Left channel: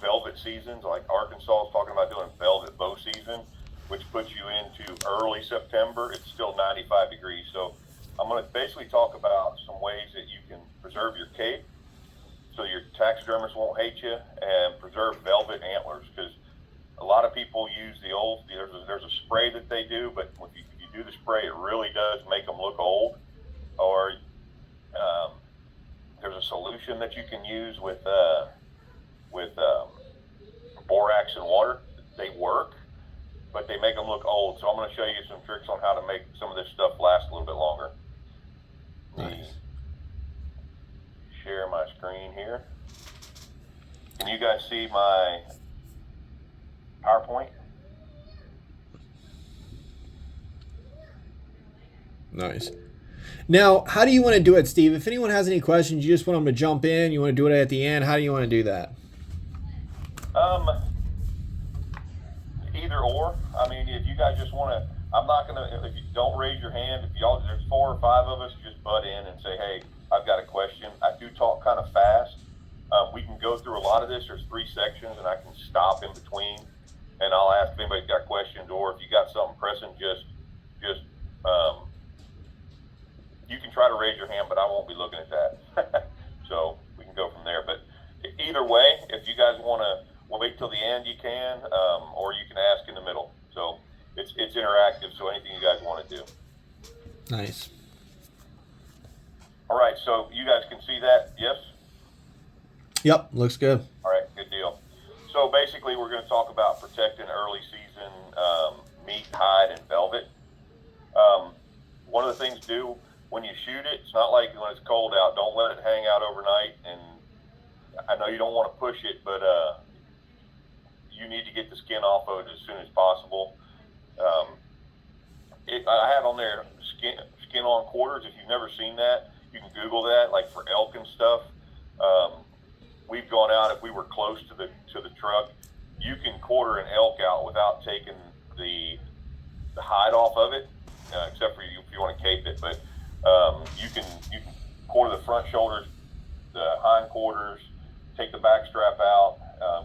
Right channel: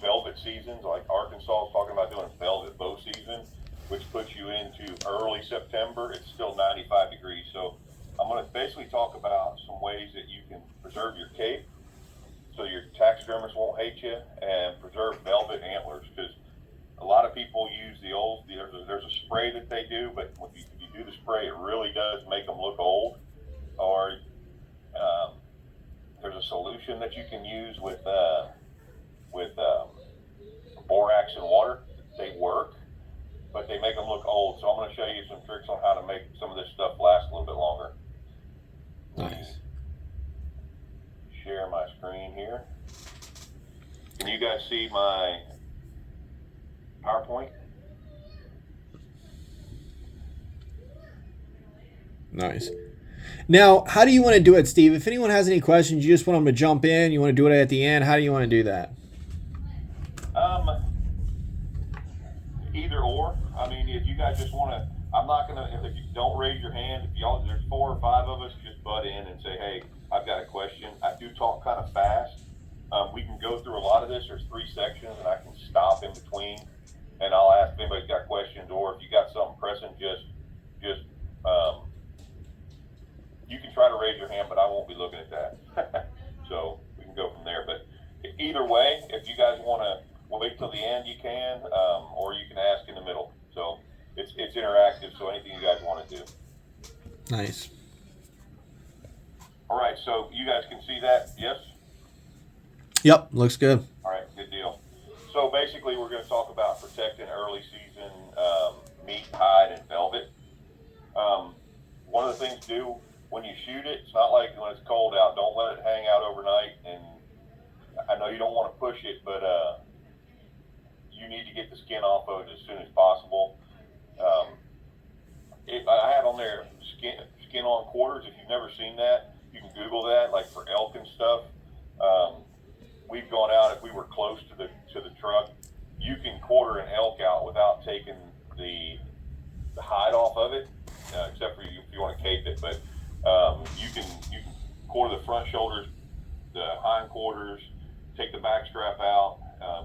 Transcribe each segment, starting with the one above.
velvet seasons, like Arkansas is talking about doing velvet bow season, which puts you into early September. It's still 95 degrees. So I'm going to basically talk about some ways that you can preserve your cape so your taxidermist won't hate you, and preserve velvet antlers, because a lot of people use the old, there's a spray that they do, but if you do the spray, it really does make them look old. Or there's a solution that you can use with borax and water. They work, but they make them look old. So I'm going to show you some tricks on how to make some of this stuff last a little bit longer. Nice. Share my screen here. Can you guys see my PowerPoint? Nice. Now, how do you want to do it, Steve? If anyone has any questions, you just want them to jump in, you want to do it at the end, how do you want to do that? Either or. I mean, if you guys just want to, I'm not going to, if you don't raise your hand, if y'all, there's 4 or 5 of us, just butt in and say, hey, I've got a question. I do talk kind of fast. We can go through a lot of this. There's 3 sections, and I can stop in between, and I'll ask if anybody's got questions, or if you got something pressing, just you can try to raise your hand, but I won't be looking at that. So we can go from there. But either way, if you guys want to wait till the end, you can, or you can ask in the middle. So it's interactive, so anything you guys want to do. Nice. All right, so you guys can see that, yes? Yep, looks good. All right, good deal. So basically, we're going to talk about protecting early season meat, hide, and velvet. One of the things to do when you shoot it, it's not like when it's cold out. Don't let it hang out overnight. And I know you don't want to push it, but you need to get the skin off of it as soon as possible. I had on there skin on quarters. If you've never seen that, you can Google that, like for elk and stuff. We've gone out, if we were close to the truck, you can quarter an elk out without taking the hide off of it, except for you if you want to cape it. But you can quarter the front shoulders, the hind quarters, take the back strap out.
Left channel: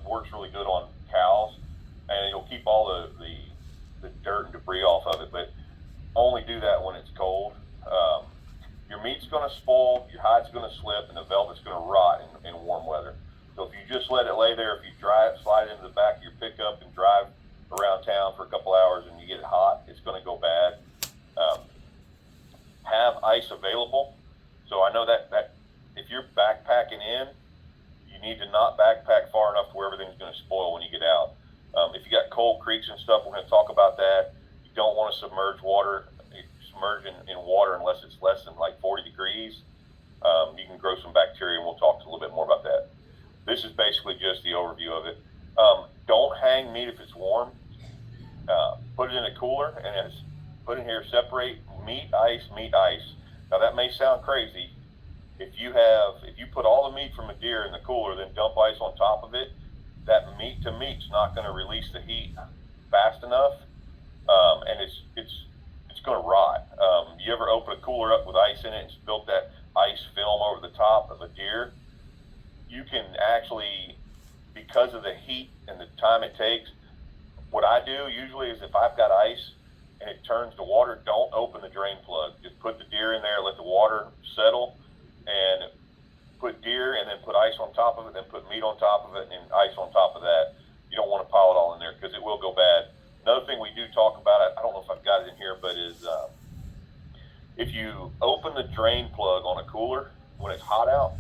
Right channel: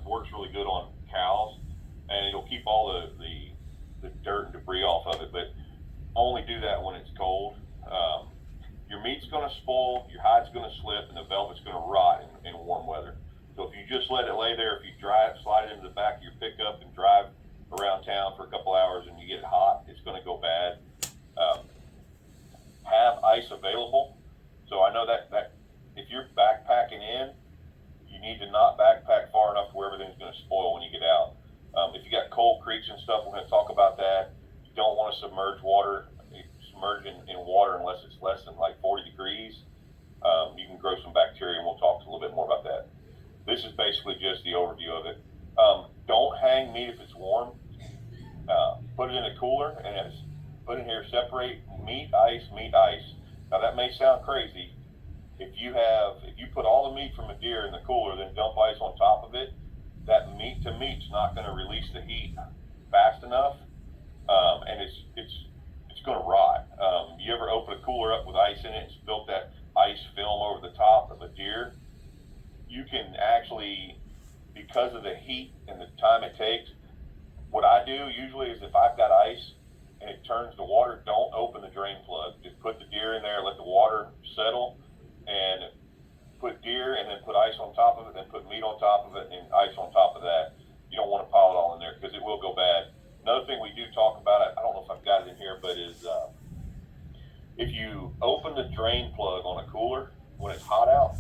Works really good on cows, and it'll keep all the dirt and debris off of it. But only do that when it's cold. Your meat's going to spoil, your hide's going to slip, and the velvet's going to rot in warm weather. So if you just let it lay there, if you slide it into the back of your pickup and drive around town for a couple hours and you get it hot, it's going to go bad. Have ice available. So I know that if you're backpacking in, you need to not backpack far enough to where everything's going to spoil when you get out. If you got cold creeks and stuff, we're going to talk about that. You don't want to submerge in water unless it's less than like 40 degrees. You can grow some bacteria, and we'll talk a little bit more about that. This is basically just the overview of it. Don't hang meat if it's warm. Put it in a cooler, and it's put in here, separate meat, ice. Now that may sound crazy. If you put all the meat from a deer in the cooler, then dump ice on top of it, that meat to meat's not going to release the heat fast enough, and it's going to rot. You ever open a cooler up with ice in it and spilt that ice film over the top of a deer? You can actually, because of the heat and the time it takes, what I do usually is if I've got ice and it turns to water, don't open the drain plug. Just put the deer in there, let the water settle, and put deer and then put ice on top of it, then put meat on top of it, and ice on top of that. You don't want to pile it all in there because it will go bad. Another thing we do talk about, I don't know if I've got it in here, but is if you open the drain plug on a cooler when it's hot out,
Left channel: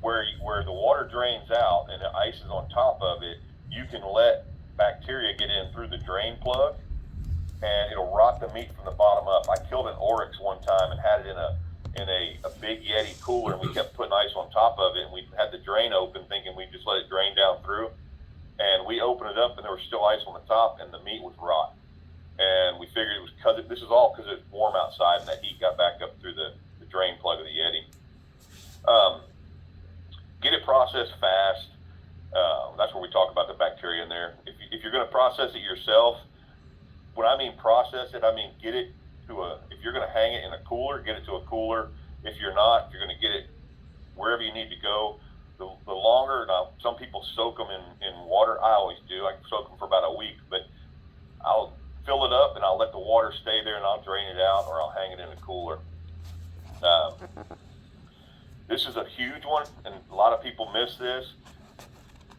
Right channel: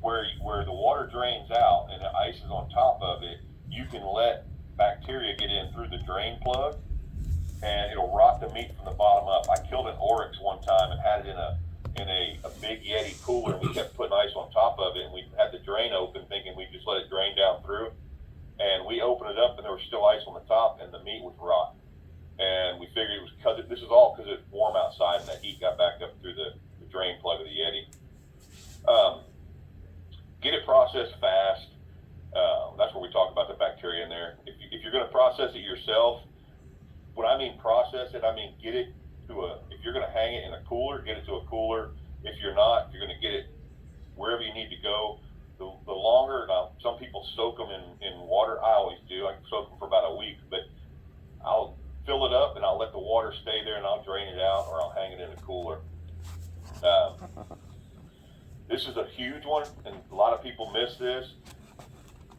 where the water drains out and the ice is on top of it, you can let bacteria get in through the drain plug, and it'll rot the meat from the bottom up. I killed an oryx one time and had it in a big Yeti cooler, and we kept putting ice on top of it, and we had the drain open thinking we just let it drain down through, and we opened it up and there was still ice on the top and the meat was rotten. And we figured it was this is all because it's warm outside and that heat got back up through the drain plug of the Yeti. Get it processed fast. That's where we talk about the bacteria in there. If you're going to process it yourself, when I mean process it, I mean get it if you're going to hang it in a cooler, get it to a cooler. If you're not, if you're going to get it wherever you need to go, the longer, now some some people soak them in water. I always do. I soak them for about a week, but I'll fill it up and I'll let the water stay there and I'll drain it out or I'll hang it in a cooler. This is a huge one, and a lot of people miss this.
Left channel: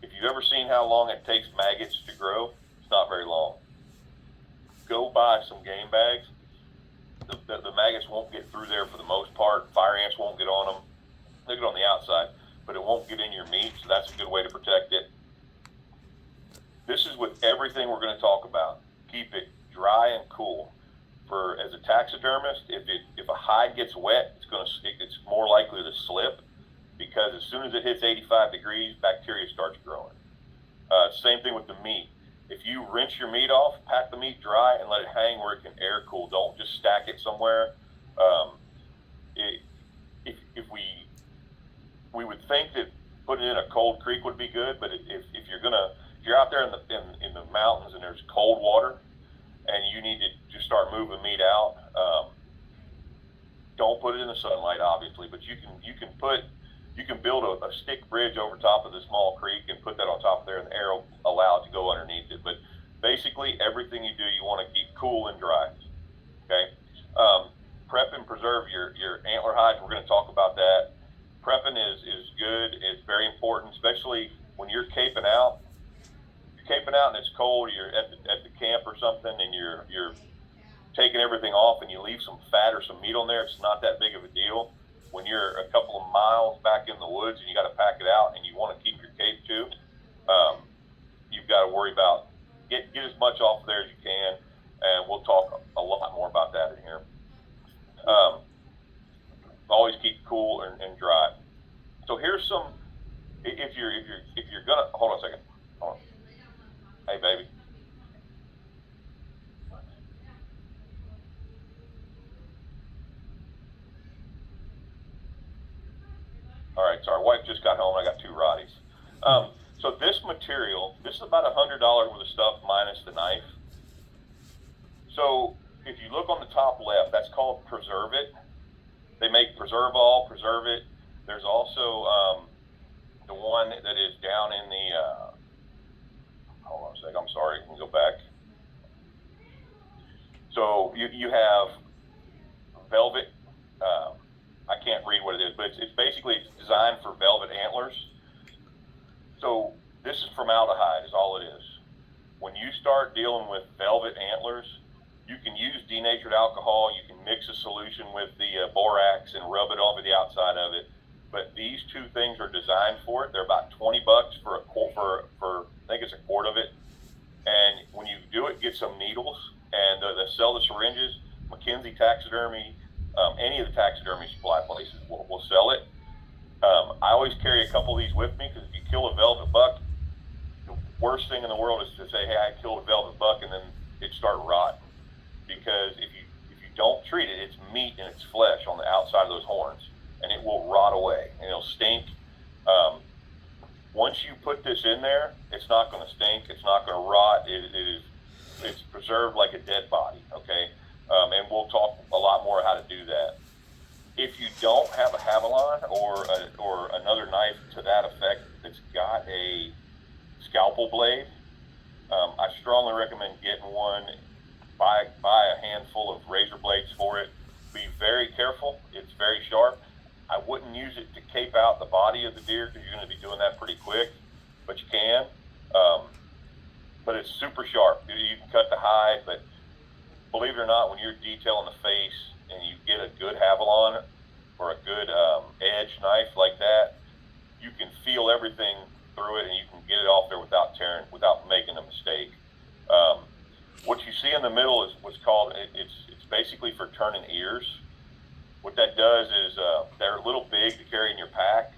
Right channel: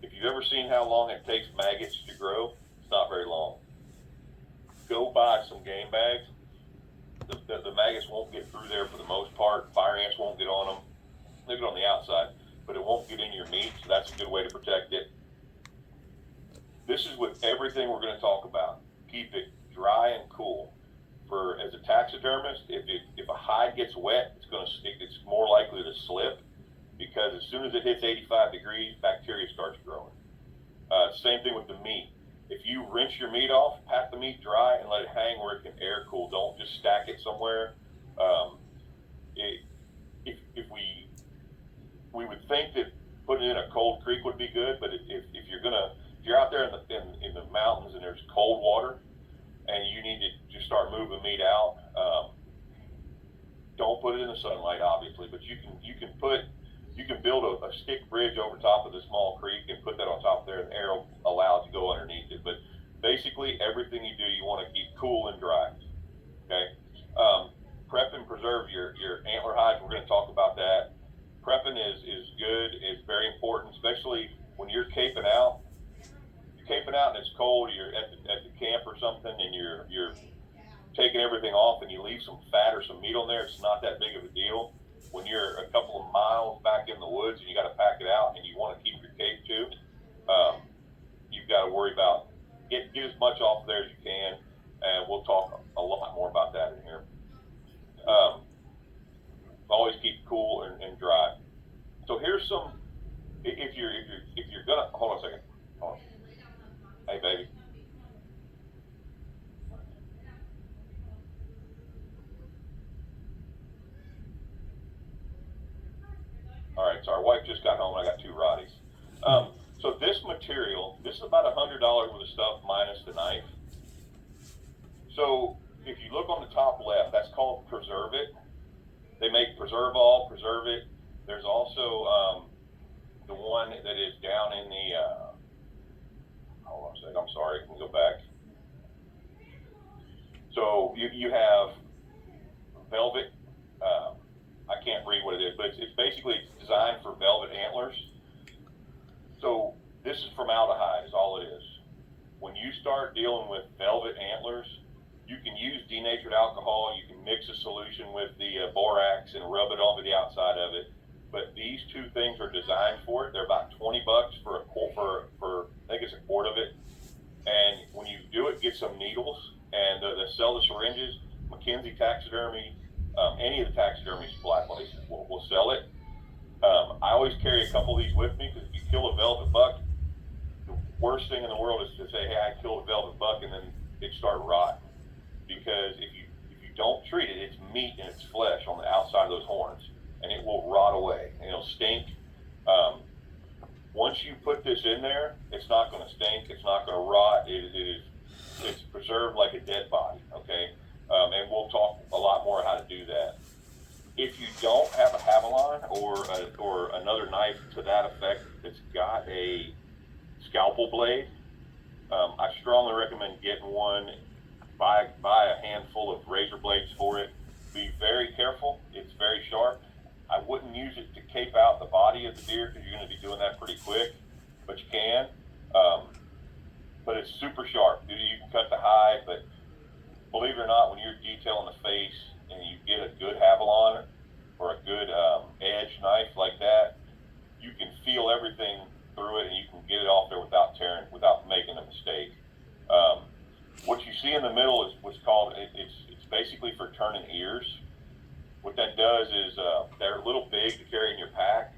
If you've ever seen how long it takes maggots to grow, it's not very long. Go buy some game bags. The maggots won't get through there for the most part. Fire ants won't get on them. They get on the outside, but it won't get in your meat, so that's a good way to protect it. This is with everything we're going to talk about. Keep it dry and cool. As a taxidermist, if a hide gets wet, it's more likely to slip, because as soon as it hits 85 degrees, bacteria starts growing. Same thing with the meat. If you rinse your meat off, pack the meat dry and let it hang where it can air cool. Don't just stack it somewhere. If we would think that putting it in a cold creek would be good, but if you're out there in the mountains and there's cold water and you need to just start moving meat out, don't put it in the sunlight, obviously, but you can build a stick bridge over top of the small creek and put that on top there, and the air will allow it to go underneath it. But basically, everything you do, you want to keep cool and dry. Okay. Prep and preserve your antler hides. We're going to talk about that. Prepping is good. It's very important, especially when you're caping out. You're caping out and it's cold. You're at the camp or something, and you're taking everything off, and you leave some fat or some meat on there. It's not that big of a deal. When you're a couple of miles back in the woods and you got to pack it out and you want to keep your cape too, you've got to worry about get as much off there as you can, and we'll talk a lot more about that in here. Always keep cool and dry. So here's some. If you're gonna hold on a second. Hold on. Hey, baby. All right, so our wife just got home. I got 2 Roddies. So this material, this is about $100 worth of stuff minus the knife. So if you look on the top left, that's called Preserve It. They make Preserve All, Preserve It. There's also the one that is down in the, hold on a second, I'm sorry, let me go back. So you have Velvet, I can't read what it is, but it's basically designed for velvet antlers. So this is formaldehyde is all it is. When you start dealing with velvet antlers, you can use denatured alcohol. You can mix a solution with the borax and rub it over the outside of it. But these 2 things are designed for it. They're about $20 for I think it's a quart of it. And when you do it, get some needles, and they sell the syringes. McKenzie Taxidermy, any of the taxidermy supply places will sell it. I always carry a couple of these with me, because if you kill a velvet buck, the worst thing in the world is to say, hey, I killed a velvet buck, and then it start rot. Because if you don't treat it, it's meat and it's flesh on the outside of those horns, and it will rot away and it'll stink. Once you put this in there, it's not going to stink. It's not going to rot. It's preserved like a dead body. Okay, and we'll talk a lot more how to do that. If you don't have a Havalon or another knife to that effect that's got a scalpel blade, I strongly recommend getting one. Buy a handful of razor blades for it. Be very careful. It's very sharp. I wouldn't use it to cape out the body of the deer, because you're going to be doing that pretty quick, but you can. But it's super sharp. You can cut the hide, but believe it or not, when you're detailing the face and you get a good Havalon or a good edge knife like that, you can feel everything through it and you can get it off there without tearing, without making a mistake. What you see in the middle is what's called, it's basically for turning ears. What that does is they're a little big to carry in your pack.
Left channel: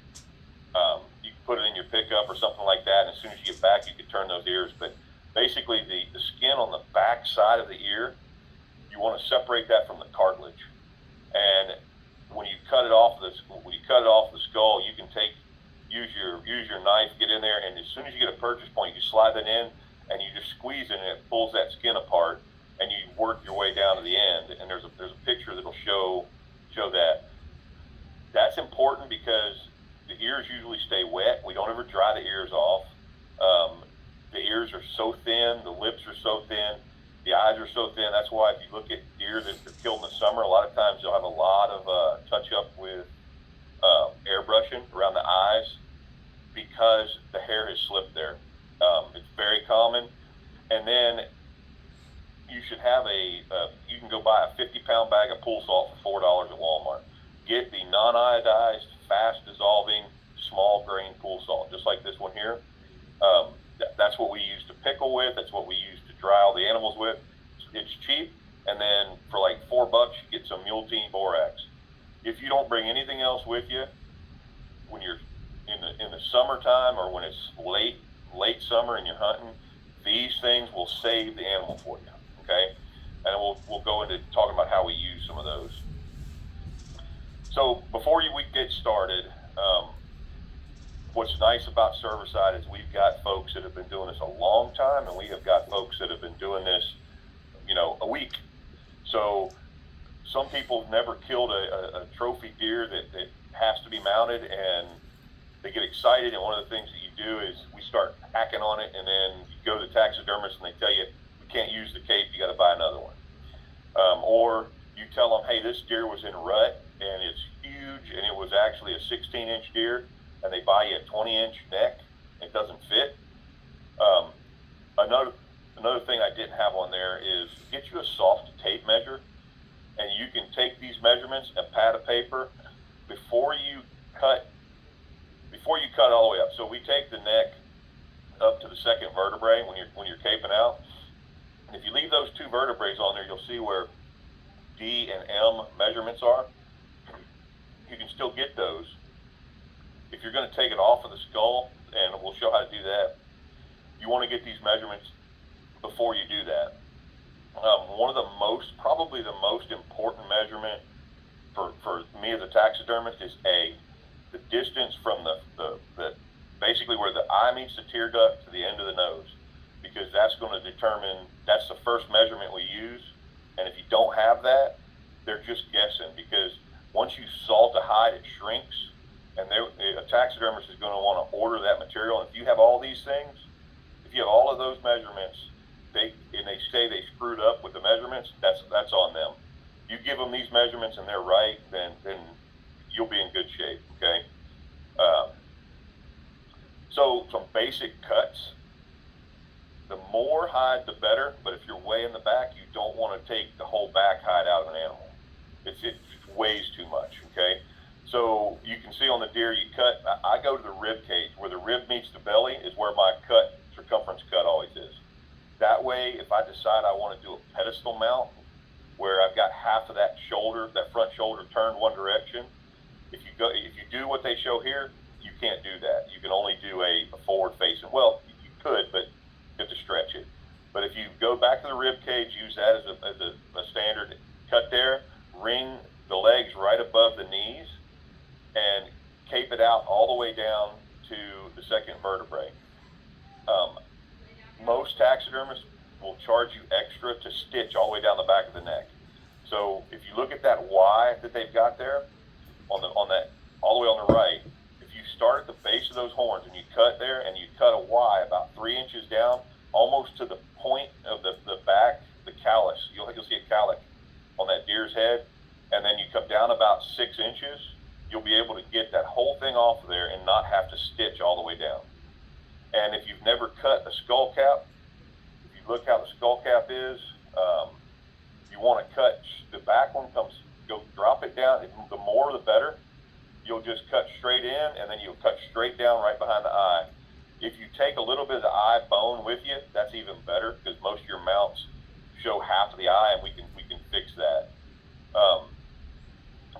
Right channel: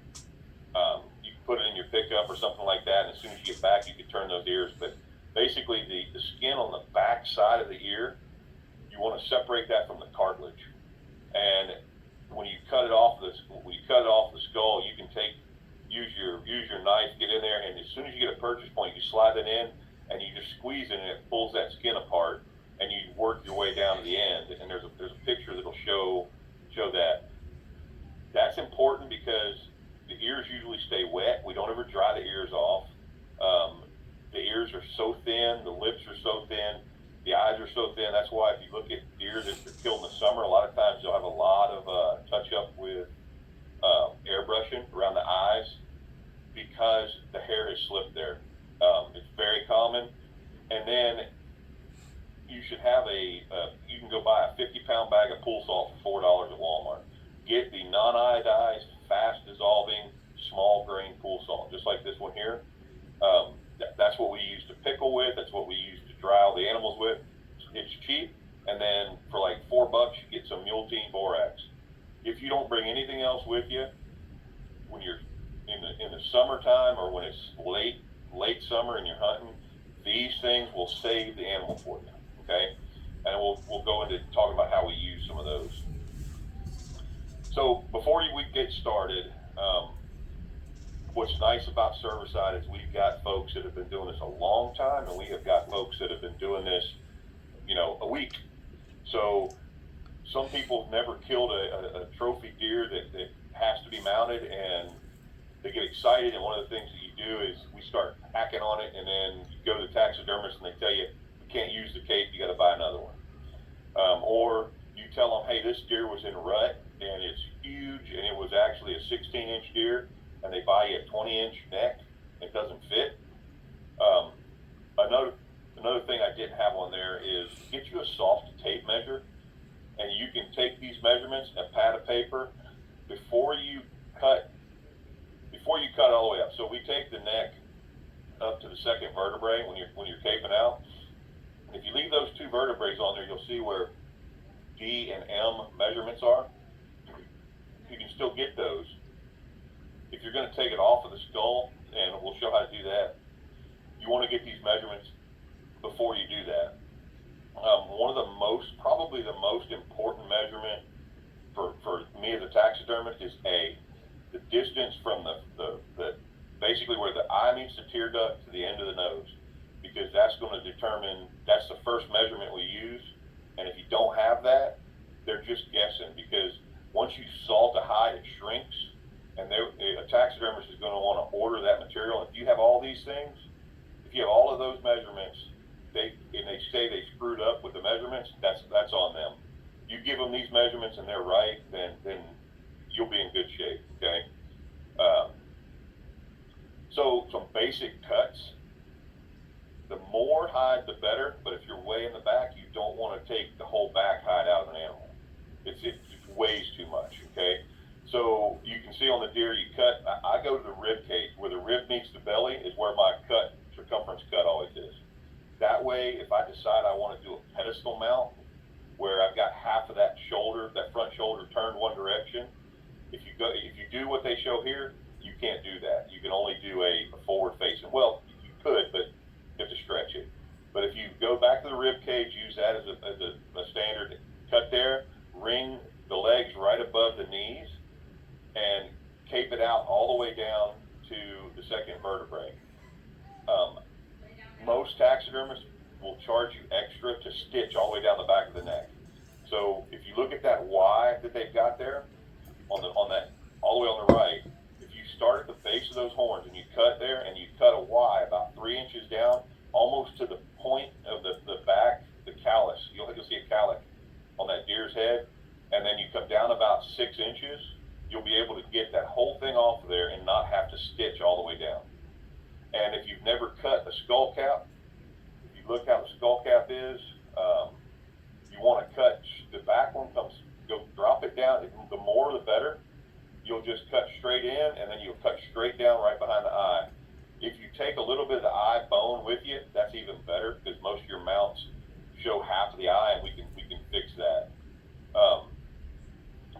You can put it in your pickup or something like that, and as soon as you get back, you can turn those ears. But basically, the skin on the back side of the ear, you want to separate that from the cartilage. And when you cut it off the skull, you can use your knife, get in there, and as soon as you get a purchase point, you slide that in, and you just squeeze it, and it pulls that skin apart, and you work your way down to the end. And there's a picture that'll show that. That's important because the ears usually stay wet. We don't ever dry the ears off. so thin, the lips are so thin, the eyes are so thin. That's why if you look at deer that are killed in the summer, a lot of times they'll have a lot of touch up with airbrushing around the eyes because the hair has slipped there. It's very common. And then you should have you can go buy a 50-pound bag of pool salt for $4 at Walmart. Get the non-iodized, fast dissolving, small grain pool salt, just like this one here. That's what we use to pickle with. That's what we use to dry all the animals with. It's cheap, and then for like $4, you get some Multi borax. If you don't bring anything else with you, when you're in the summertime or when it's late summer and you're hunting, these things will save the animal for you. Okay, and we'll go into talking about how we use some of those. So before we get started, what's nice about Servicide is we've got folks that have been doing this a long time, and we have got folks that have been doing this, a week. So some people have never killed a trophy deer that has to be mounted, and they get excited. And one of the things that you do is we start hacking on it, and then you go to the taxidermist and they tell you can't use the cape, you got to buy another one. Or you tell them, hey, this deer was in rut and it's huge and it was actually a 16-inch deer, and they buy you a 20-inch neck, it doesn't fit. Another thing I didn't have on there is get you a soft tape measure, and you can take these measurements, a pad of paper, before you cut all the way up. So we take the neck up to the second vertebrae when you're caping out. If you leave those two vertebrae on there, you'll see where D and M measurements are. You can still get those. If you're going to take it off of the skull, and we'll show how to do that, you want to get these measurements before you do that. Probably the most important measurement for me as a taxidermist is the distance from the basically where the eye meets the tear duct to the end of the nose, because that's going to determine, that's the first measurement we use. And if you don't have that, they're just guessing, because once you salt a hide, it shrinks, and a taxidermist is going to want to order that material. And if you have all these things, if you have all of those measurements, and they say they screwed up with the measurements, that's on them. You give them these measurements and they're right, then you'll be in good shape. Okay. So some basic cuts. The more hide, the better. But if you're way in the back, you don't want to take the whole back hide out of an animal. It weighs too much. Okay. So you can see on the deer you cut. I go to the rib cage where the rib meets the belly is where my circumference cut always is. That way, if I decide I want to do a pedestal mount where I've got half of that front shoulder turned one direction, if you do what they show here, you can't do that. You can only do a forward facing. Well, you could, but you have to stretch it. But if you go back to the rib cage, use that as a standard cut there, ring the legs right above the knees, and cape it out all the way down to the second vertebrae. Most taxidermists will charge you extra to stitch all the way down the back of the neck. So if you look at that Y that they've got there on that all the way on the right, if you start at the base of those horns and you cut there and you cut a Y about 3 inches down, almost to the point of the back, the callus, you'll see a callus on that deer's head, and then you come down about 6 inches, you'll be able to get that whole thing off of there and not have to stitch all the way down. And if you've never cut a skull cap, if you look how the skull cap is, you want to cut the back one, drop it down. The more the better. You'll just cut straight in, and then you'll cut straight down right behind the eye. If you take a little bit of the eye bone with you, that's even better, because most of your mounts show half of the eye, and we can fix that.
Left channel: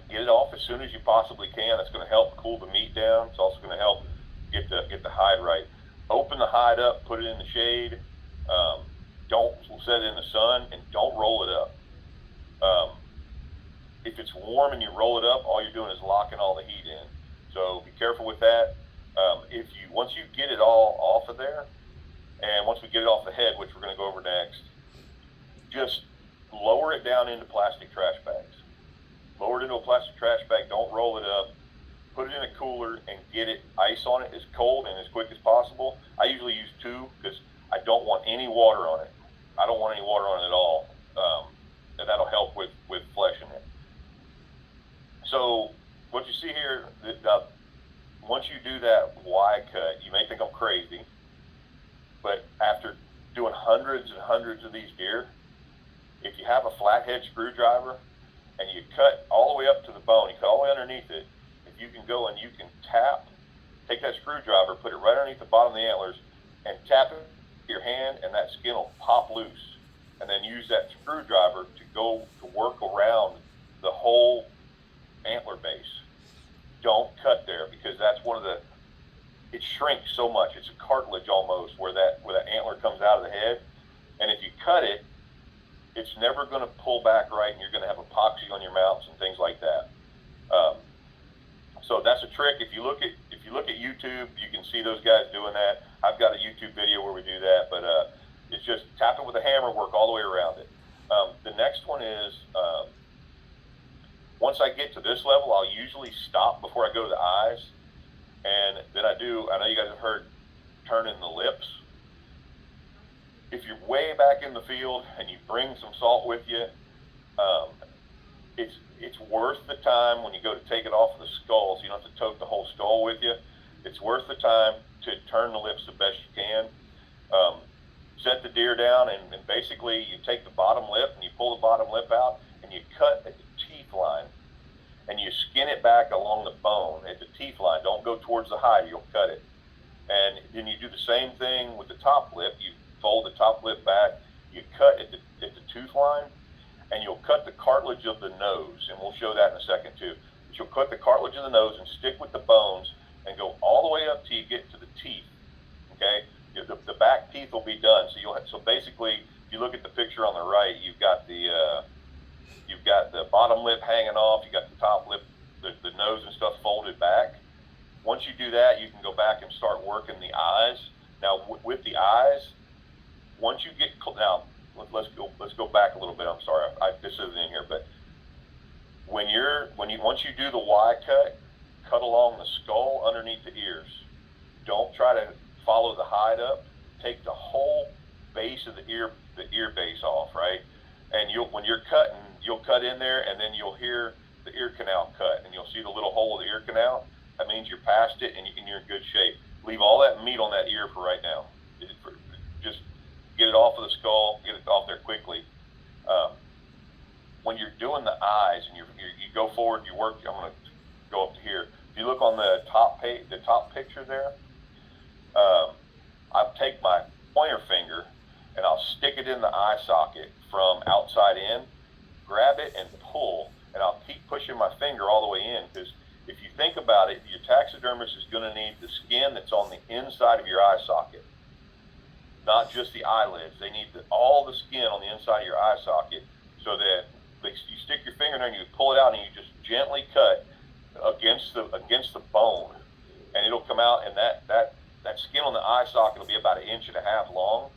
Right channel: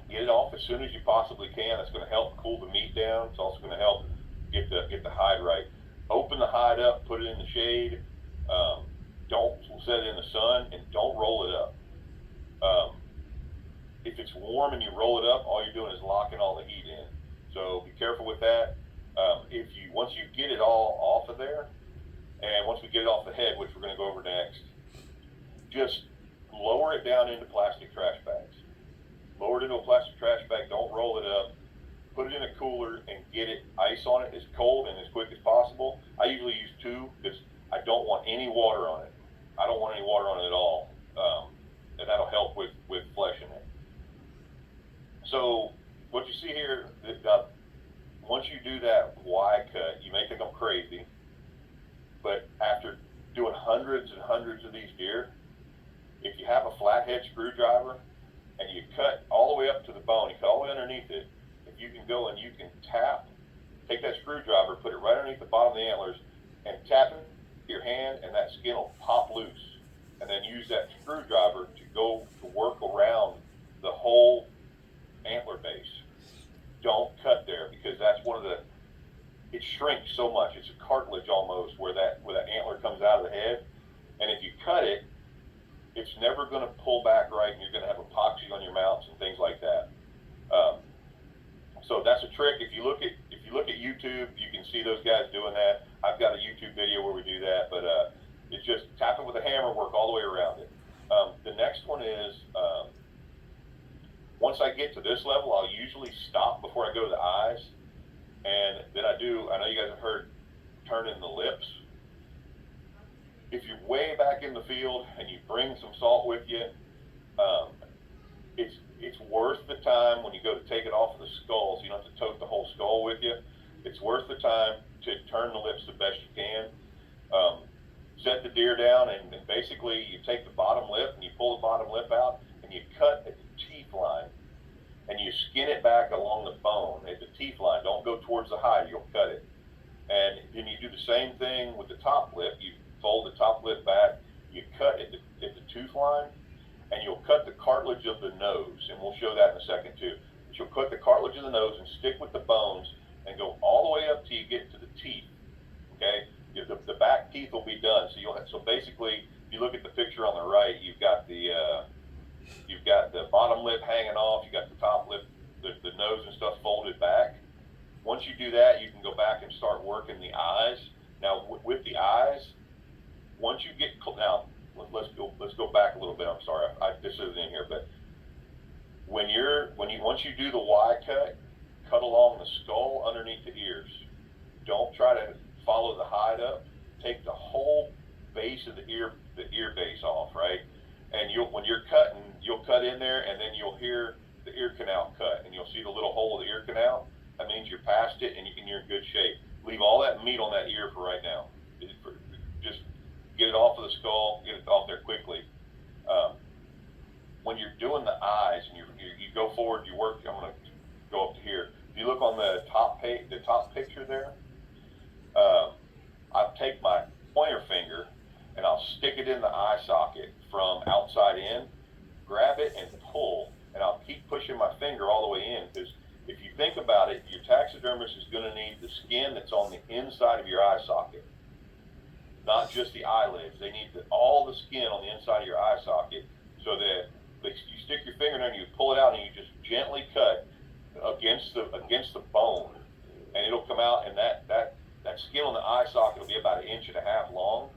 Get it off as soon as you possibly can. That's going to help cool the meat down. It's also going to help get the hide right. Open the hide up, put it in the shade. Don't set it in the sun, and don't roll it up. If it's warm and you roll it up, all you're doing is locking all the heat in. So be careful with that. Once you get it all off of there, and once we get it off the head, which we're going to go over next, just lower it down into plastic trash bags. Lower it into a plastic trash bag. Don't roll it up. Put it in a cooler and get it ice on it as cold and as quick as possible. I usually use 2 because I don't want any water on it. I don't want any water on it at all, and that'll help with fleshing it. So what you see here, once you do that Y cut, you may think I'm crazy, but after doing hundreds and hundreds of these deer, if you have a flathead screwdriver and you cut all the way up to the bone, you cut all the way underneath it, if you can go and you can take that screwdriver, put it right underneath the bottom of the antlers, and tap it with your hand, and that skin will pop loose. And then use that screwdriver to go to work around the whole antler base. Don't cut there, because that's it shrinks so much. It's a cartilage almost where that antler comes out of the head. And if you cut it, it's never going to pull back right, and you're going to have epoxy on your mounts and things like that. So that's a trick. If you look at YouTube, you can see those guys doing that. I've got a YouTube video where we do that, but it's just tap it with a hammer, work all the way around it. The next one is, once I get to this level, I'll usually stop before I go to the eyes, and then I know you guys have heard turning the lips. If you're way back in the field and you bring some salt with you, it's worth the time when you go to take it off of the skull, so you don't have to tote the whole skull with you. It's worth the time to turn the lips the best you can. Set the deer down, and basically you take the bottom lip and you pull the bottom lip out, and you cut at the teeth line, and you skin it back along the bone at the teeth line. Don't go towards the hide, you'll cut it. And then you do the same thing with the top lip. You fold the top lip back, you cut at the tooth line, and you'll cut the cartilage of the nose, and we'll show that in a second too. But you'll cut the cartilage of the nose and stick with the bones and go all the way up till you get to the teeth. Okay, the back teeth will be done. So basically, if you look at the picture on the right, you've got the bottom lip hanging off, you got the top lip, the nose and stuff folded back. Once you do that, you can go back and start working the eyes. Now with the eyes, once you get let's go back a little bit. I'm sorry, this isn't in here, but once you do the Y cut along the skull underneath the ears. Don't try to follow the hide up. Take the whole base of the ear base off, right? And when you're cutting, you'll cut in there, and then you'll hear the ear canal cut, and you'll see the little hole of the ear canal. That means you're past it, and you're in good shape. Leave all that meat on that ear for right now. Just get it off of the skull, get it off there quickly. When you're doing the eyes, and you go forward, you work. I'm going to go up to here. If you look on the top picture there, I take my pointer finger and I'll stick it in the eye socket from outside in, grab it and pull, and I'll keep pushing my finger all the way in, because if you think about it, your taxidermist is going to need the skin that's on the inside of your eye socket, not just the eyelids. They need all the skin on the inside of your eye socket, so that you stick your finger in there and you pull it out and you just gently cut against the bone, and it'll come out, and that skin on the eye socket will be about 1.5 inches long.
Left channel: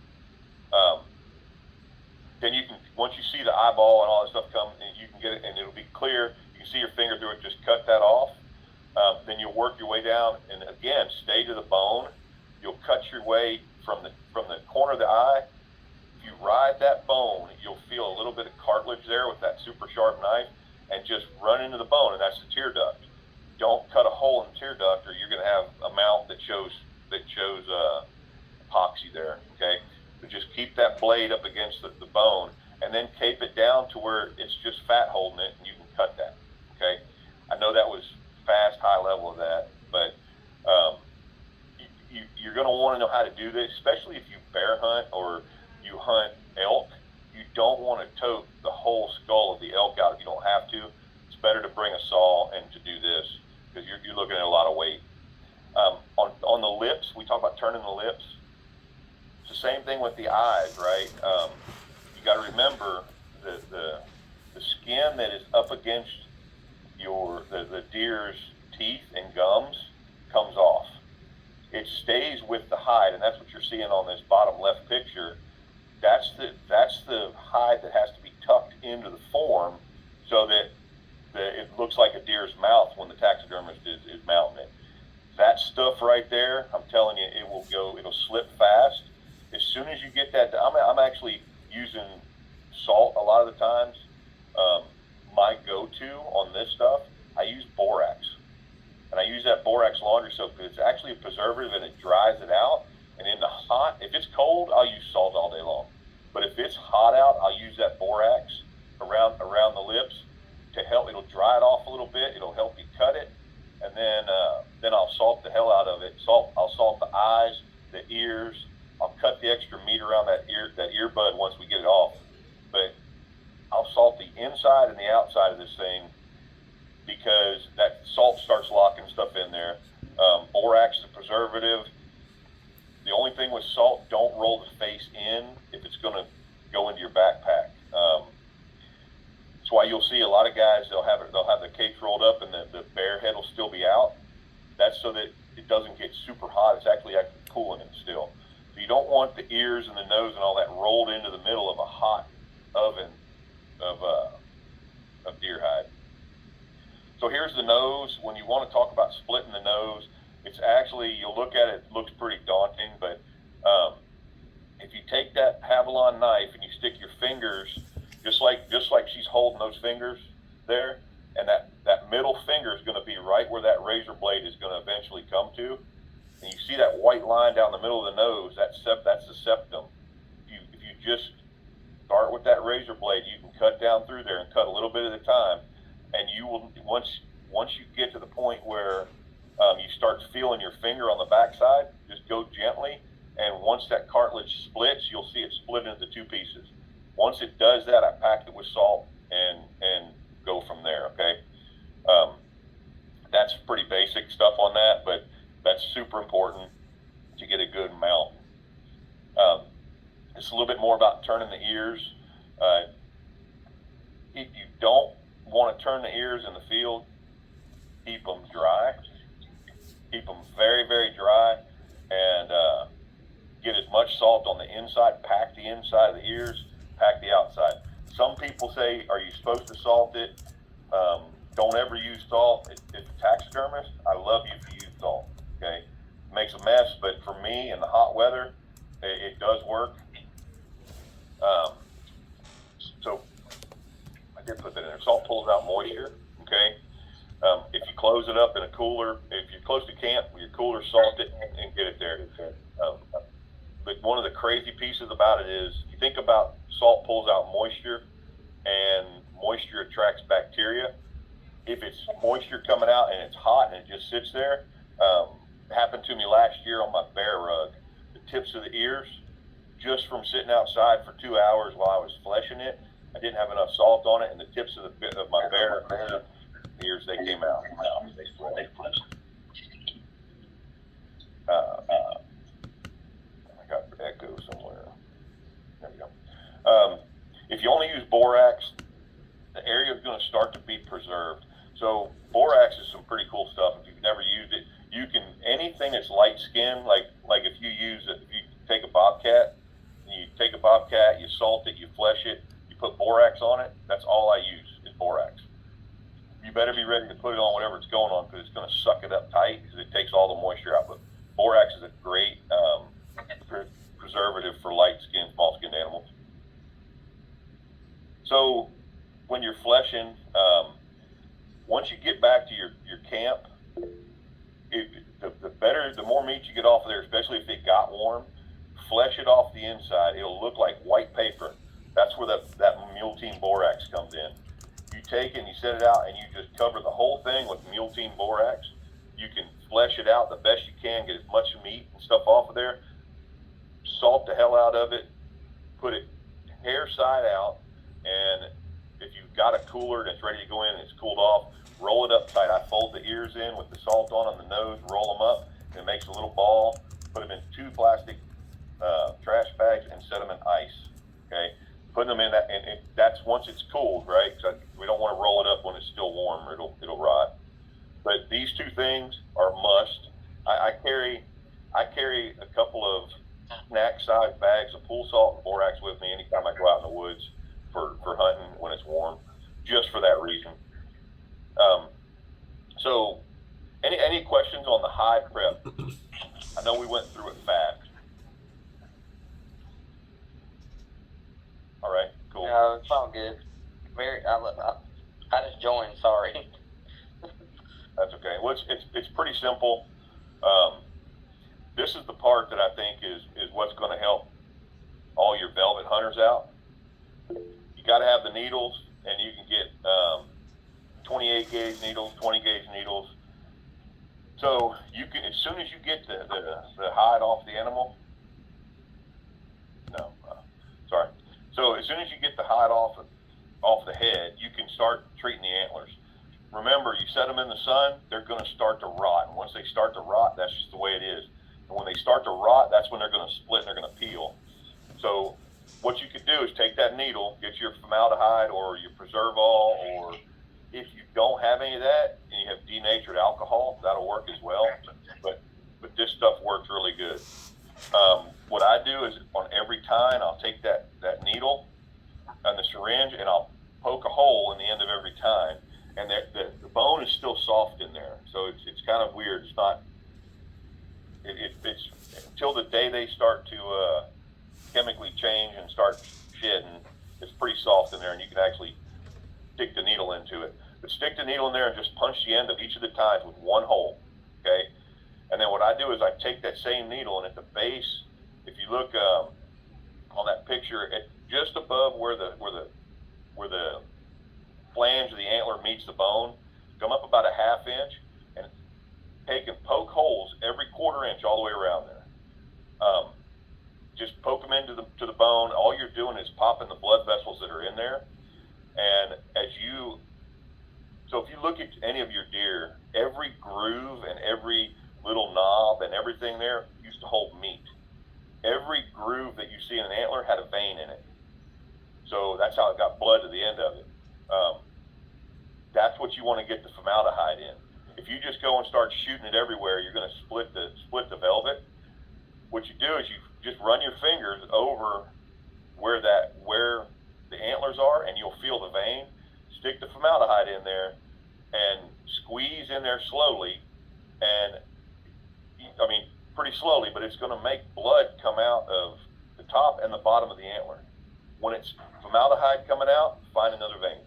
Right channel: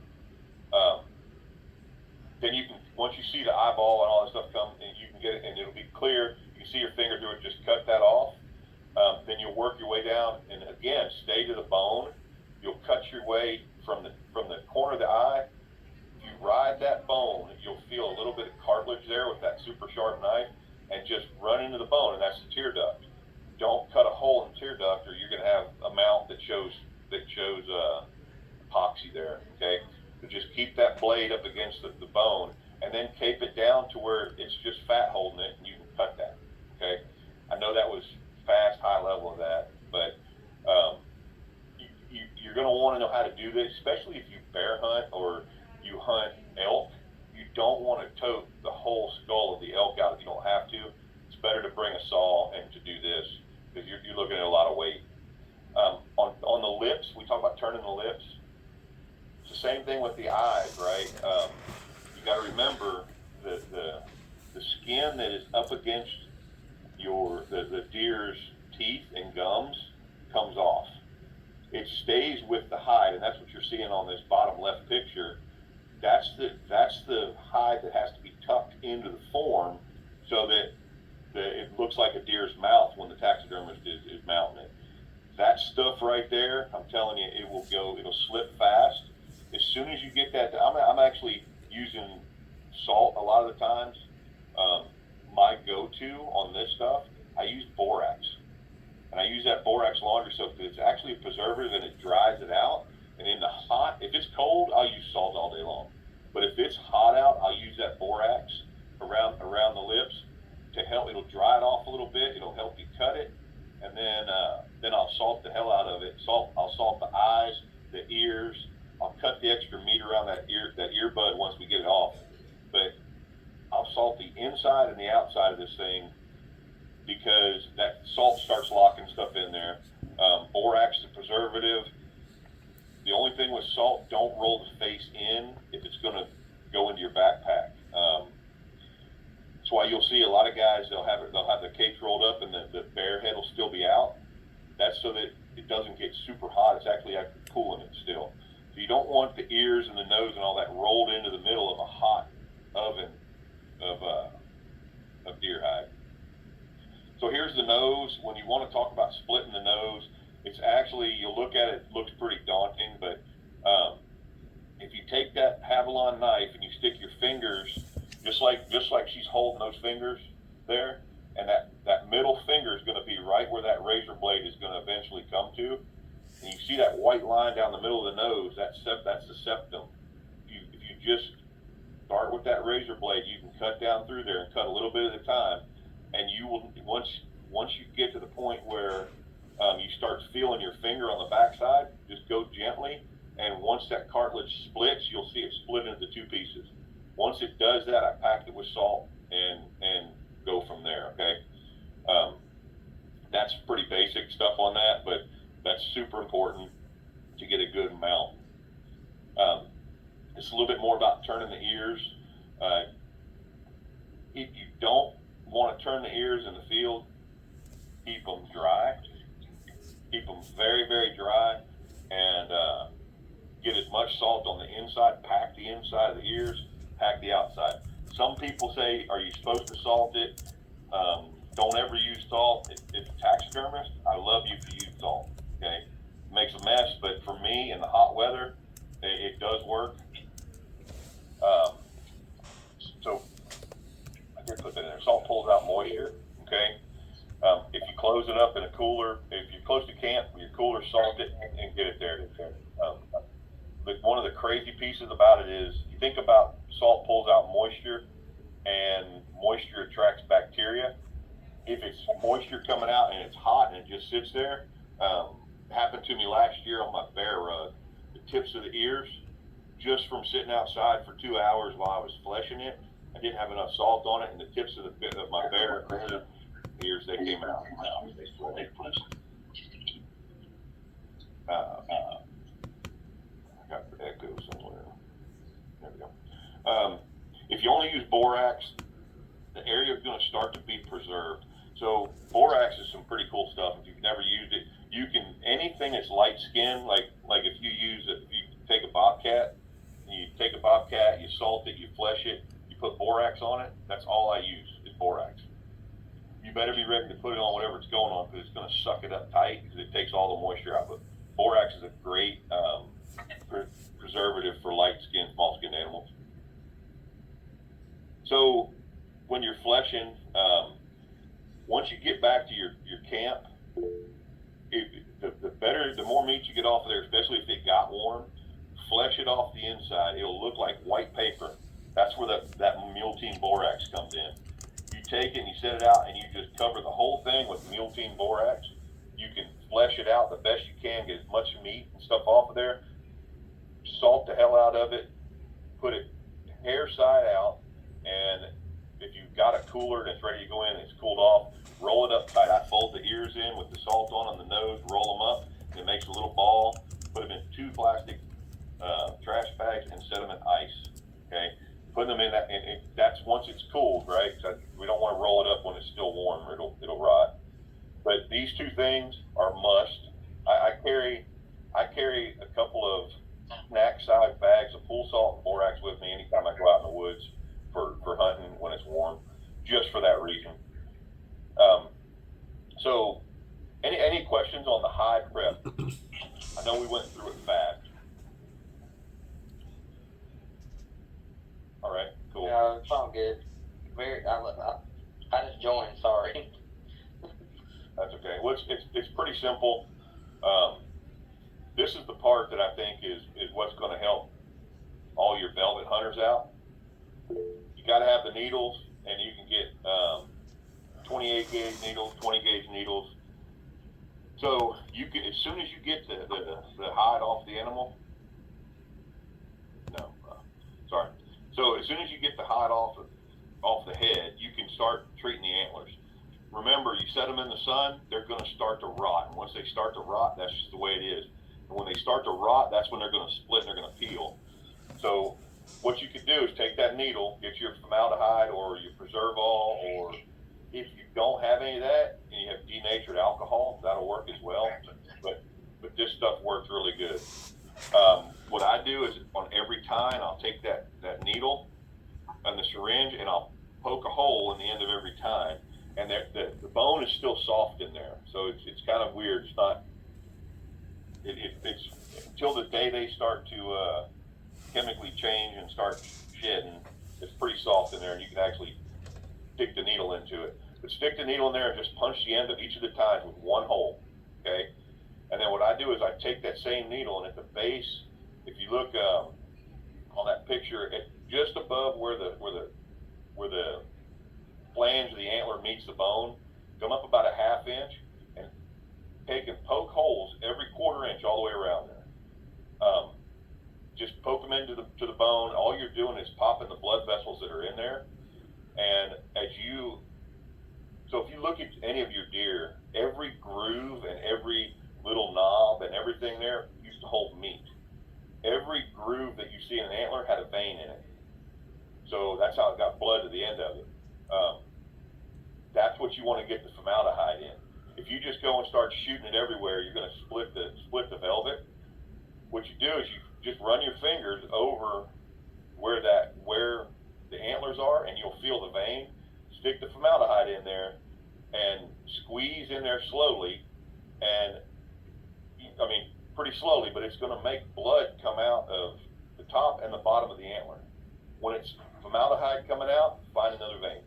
Then you can, once you see the eyeball and all that stuff come, and you can get it, and it'll be clear. You can see your finger through it. Just cut that off. Then you'll work your way down, and again, stay to the bone. You'll cut your way from the corner of the eye. If you ride that bone, you'll feel a little bit of cartilage there with that super sharp knife, and just run into the bone, and that's the tear duct. Don't cut a hole in the tear duct, or you're going to have a mount that shows epoxy there. Okay, so just keep that blade up against the bone, and then cape it down to where it's just fat holding it, and you can cut that. Okay, I know that was fast, high level of that, but you're going to want to know how to do this, especially if you bear hunt or you hunt elk. You don't want to tote the whole skull of the elk out if you don't have to. It's better to bring a saw and to do this, because you're looking at a lot of weight. On the lips, we talk about turning the lips. It's the same thing with the eyes, right? You got to remember the skin that is up against the deer's teeth and gums comes off. It stays with the hide, and that's what you're seeing on this bottom left picture. That's the hide that has to be tucked into the form, so that it looks like a deer's mouth when the taxidermist is mounting it. That stuff right there, I'm telling you, it'll slip fast. As soon as you get that, I'm actually using salt a lot of the times. My go-to on this stuff, I use borax. And I use that borax laundry soap because it's actually a preservative and it dries it out. And in the hot, if it's cold, I'll use salt all day long. But if it's hot out, I'll use that borax around the lips to help. It'll dry it off a little bit. It'll help you cut it. And then I'll salt the hell out of it. I'll salt the eyes, the ears. I'll cut the extra meat around that earbud once we get it off. But I'll salt the inside and the outside of this thing because that salt starts locking stuff in there. Borax is a preservative. The only thing with salt, don't roll the face in if it's going to go into your backpack. That's why you'll see a lot of guys, they'll have their case rolled up and the bear head will still be out. That's so that it doesn't get super hot. It's actually cooling it still. So you don't want the ears and the nose and all that rolled into the middle of a hot oven of deer hide. So here's the nose. When you want to talk about splitting the nose, it's actually, you'll look at it, it looks pretty daunting, but if you take that Havilon knife and you stick your fingers, just like she's holding those fingers there, and that middle finger is going to be right where that razor blade is going to eventually come to, and you see that white line down the middle of the nose, that's the septum. If you just start with that razor blade, you can cut down through there and cut a little bit at a time, and you will, once you get to the point where you start feeling your finger on the backside, just go gently, and once that cartilage splits, you'll see it split into two pieces. Once it does that, I packed it with salt and go from there, okay? That's pretty basic stuff on that, but that's super important to get a good mount. It's a little bit more about turning the ears. If you don't want to turn the ears in the field, keep them dry. Keep them very, very dry, and get as much salt on the inside. Pack the inside of the ears, pack the outside. Some people say, are you supposed to salt it? Don't ever use salt. If a taxidermist, I love you if you use salt, okay? It makes a mess, but for me, in the hot weather, it does work. So I did put that in there. Salt pulls out moisture, okay? If you close it up in a cooler, if you're close to camp, your cooler, salt it and get it there. But one of the crazy pieces about it is, you think about salt pulls out moisture, and moisture attracts bacteria. If it's moisture coming out and it's hot and it just sits there, happened to me last year on my bear rug. The tips of the ears, just from sitting outside for 2 hours while I was fleshing it, I didn't have enough salt on it, and the tips of my bear ears, they came out. I got echo somewhere. There we go. If you only use borax, the area is going to start to be preserved. So borax is some pretty cool stuff. If you've never used it, you can, anything that's light skin, like if you use it, if you take a bobcat, you salt it, you flesh it, you put borax on it, that's all I use is borax. You better be ready to put it on whatever it's going on, because it's going to suck it up tight because it takes all the moisture out. But borax is a great preservative for light skin, small skinned animals. So when you're fleshing, once you get back to your camp, the more meat you get off of there, especially if it got warm, flesh it off the inside. It'll look like white paper. That's where that Mule Team borax comes in. You take it and you set it out and you just cover the whole thing with Mule Team borax. You can flesh it out the best you can, get as much meat and stuff off of there. Salt the hell out of it. Put it hair side out, and if you've got a cooler that's ready to go in and it's cooled off, roll it up tight. I fold the ears in with the salt on the nose, roll them up, and it makes a little ball. Put them in 2 plastic trash bags and set them in ice. Okay, putting them in that, and that's once it's cooled, right? So we don't want to roll it up when it's still warm, or it'll rot. But these 2 things are must. I carry a couple of snack-sized bags of pool salt and borax with me anytime I go out in the woods for hunting when it's warm, just for that reason. So, any questions on the hide prep? I know we went through it fast. bro. It's all good. I just joined. Sorry. That's okay. Well, it's pretty simple. This is the part that I think is what's going to help all your velvet hunters out. You got to have the needles, and you can get 28 gauge needles, 20 gauge needles. So you can, as soon as you get the hide off the animal, no, sorry. So as soon as you get the hide off the head, you can start treating the antlers. Remember, you set them in the sun, they're going to start to rot. And once they start to rot, that's just the way it is. And when they start to rot, that's when they're going to split and they're going to peel. So what you could do is take that needle, get your formaldehyde or your Preserve-All, or if you don't have any of that and you have denatured alcohol, that'll work as well. But this stuff works really good. What I do is on every tine, I'll take that needle and the syringe and I'll poke a hole in the end of every tine. And the bone is still soft in there, so it's kind of weird. It's not. It's until the day they start to chemically change and start shedding, it's pretty soft in there, and you can actually stick the needle into it. But stick the needle in there and just punch the end of each of the tines with one hole, okay? And then what I do is I take that same needle, and at the base, if you look on that picture, just above where the flange of the antler meets the bone, come up about a ½ inch and take and poke holes every ¼ inch all the way around there. Just poke them into the bone. All you're doing is popping the blood vessels that are in there. And so if you look at any of your deer, every groove and every little knob and everything there used to hold meat. Every groove that you see in an antler had a vein in it. So that's how it got blood to the end of it. That's what you want to get the formaldehyde in. If you just go and start shooting it everywhere, you're going to split the velvet. What you do is you just run your fingers over where the antlers are, and you'll feel the vein. Stick the formaldehyde in there and squeeze in there slowly, and I mean pretty slowly, but it's going to make blood come out of the top and the bottom of the antler. When it's formaldehyde coming out, find another vein.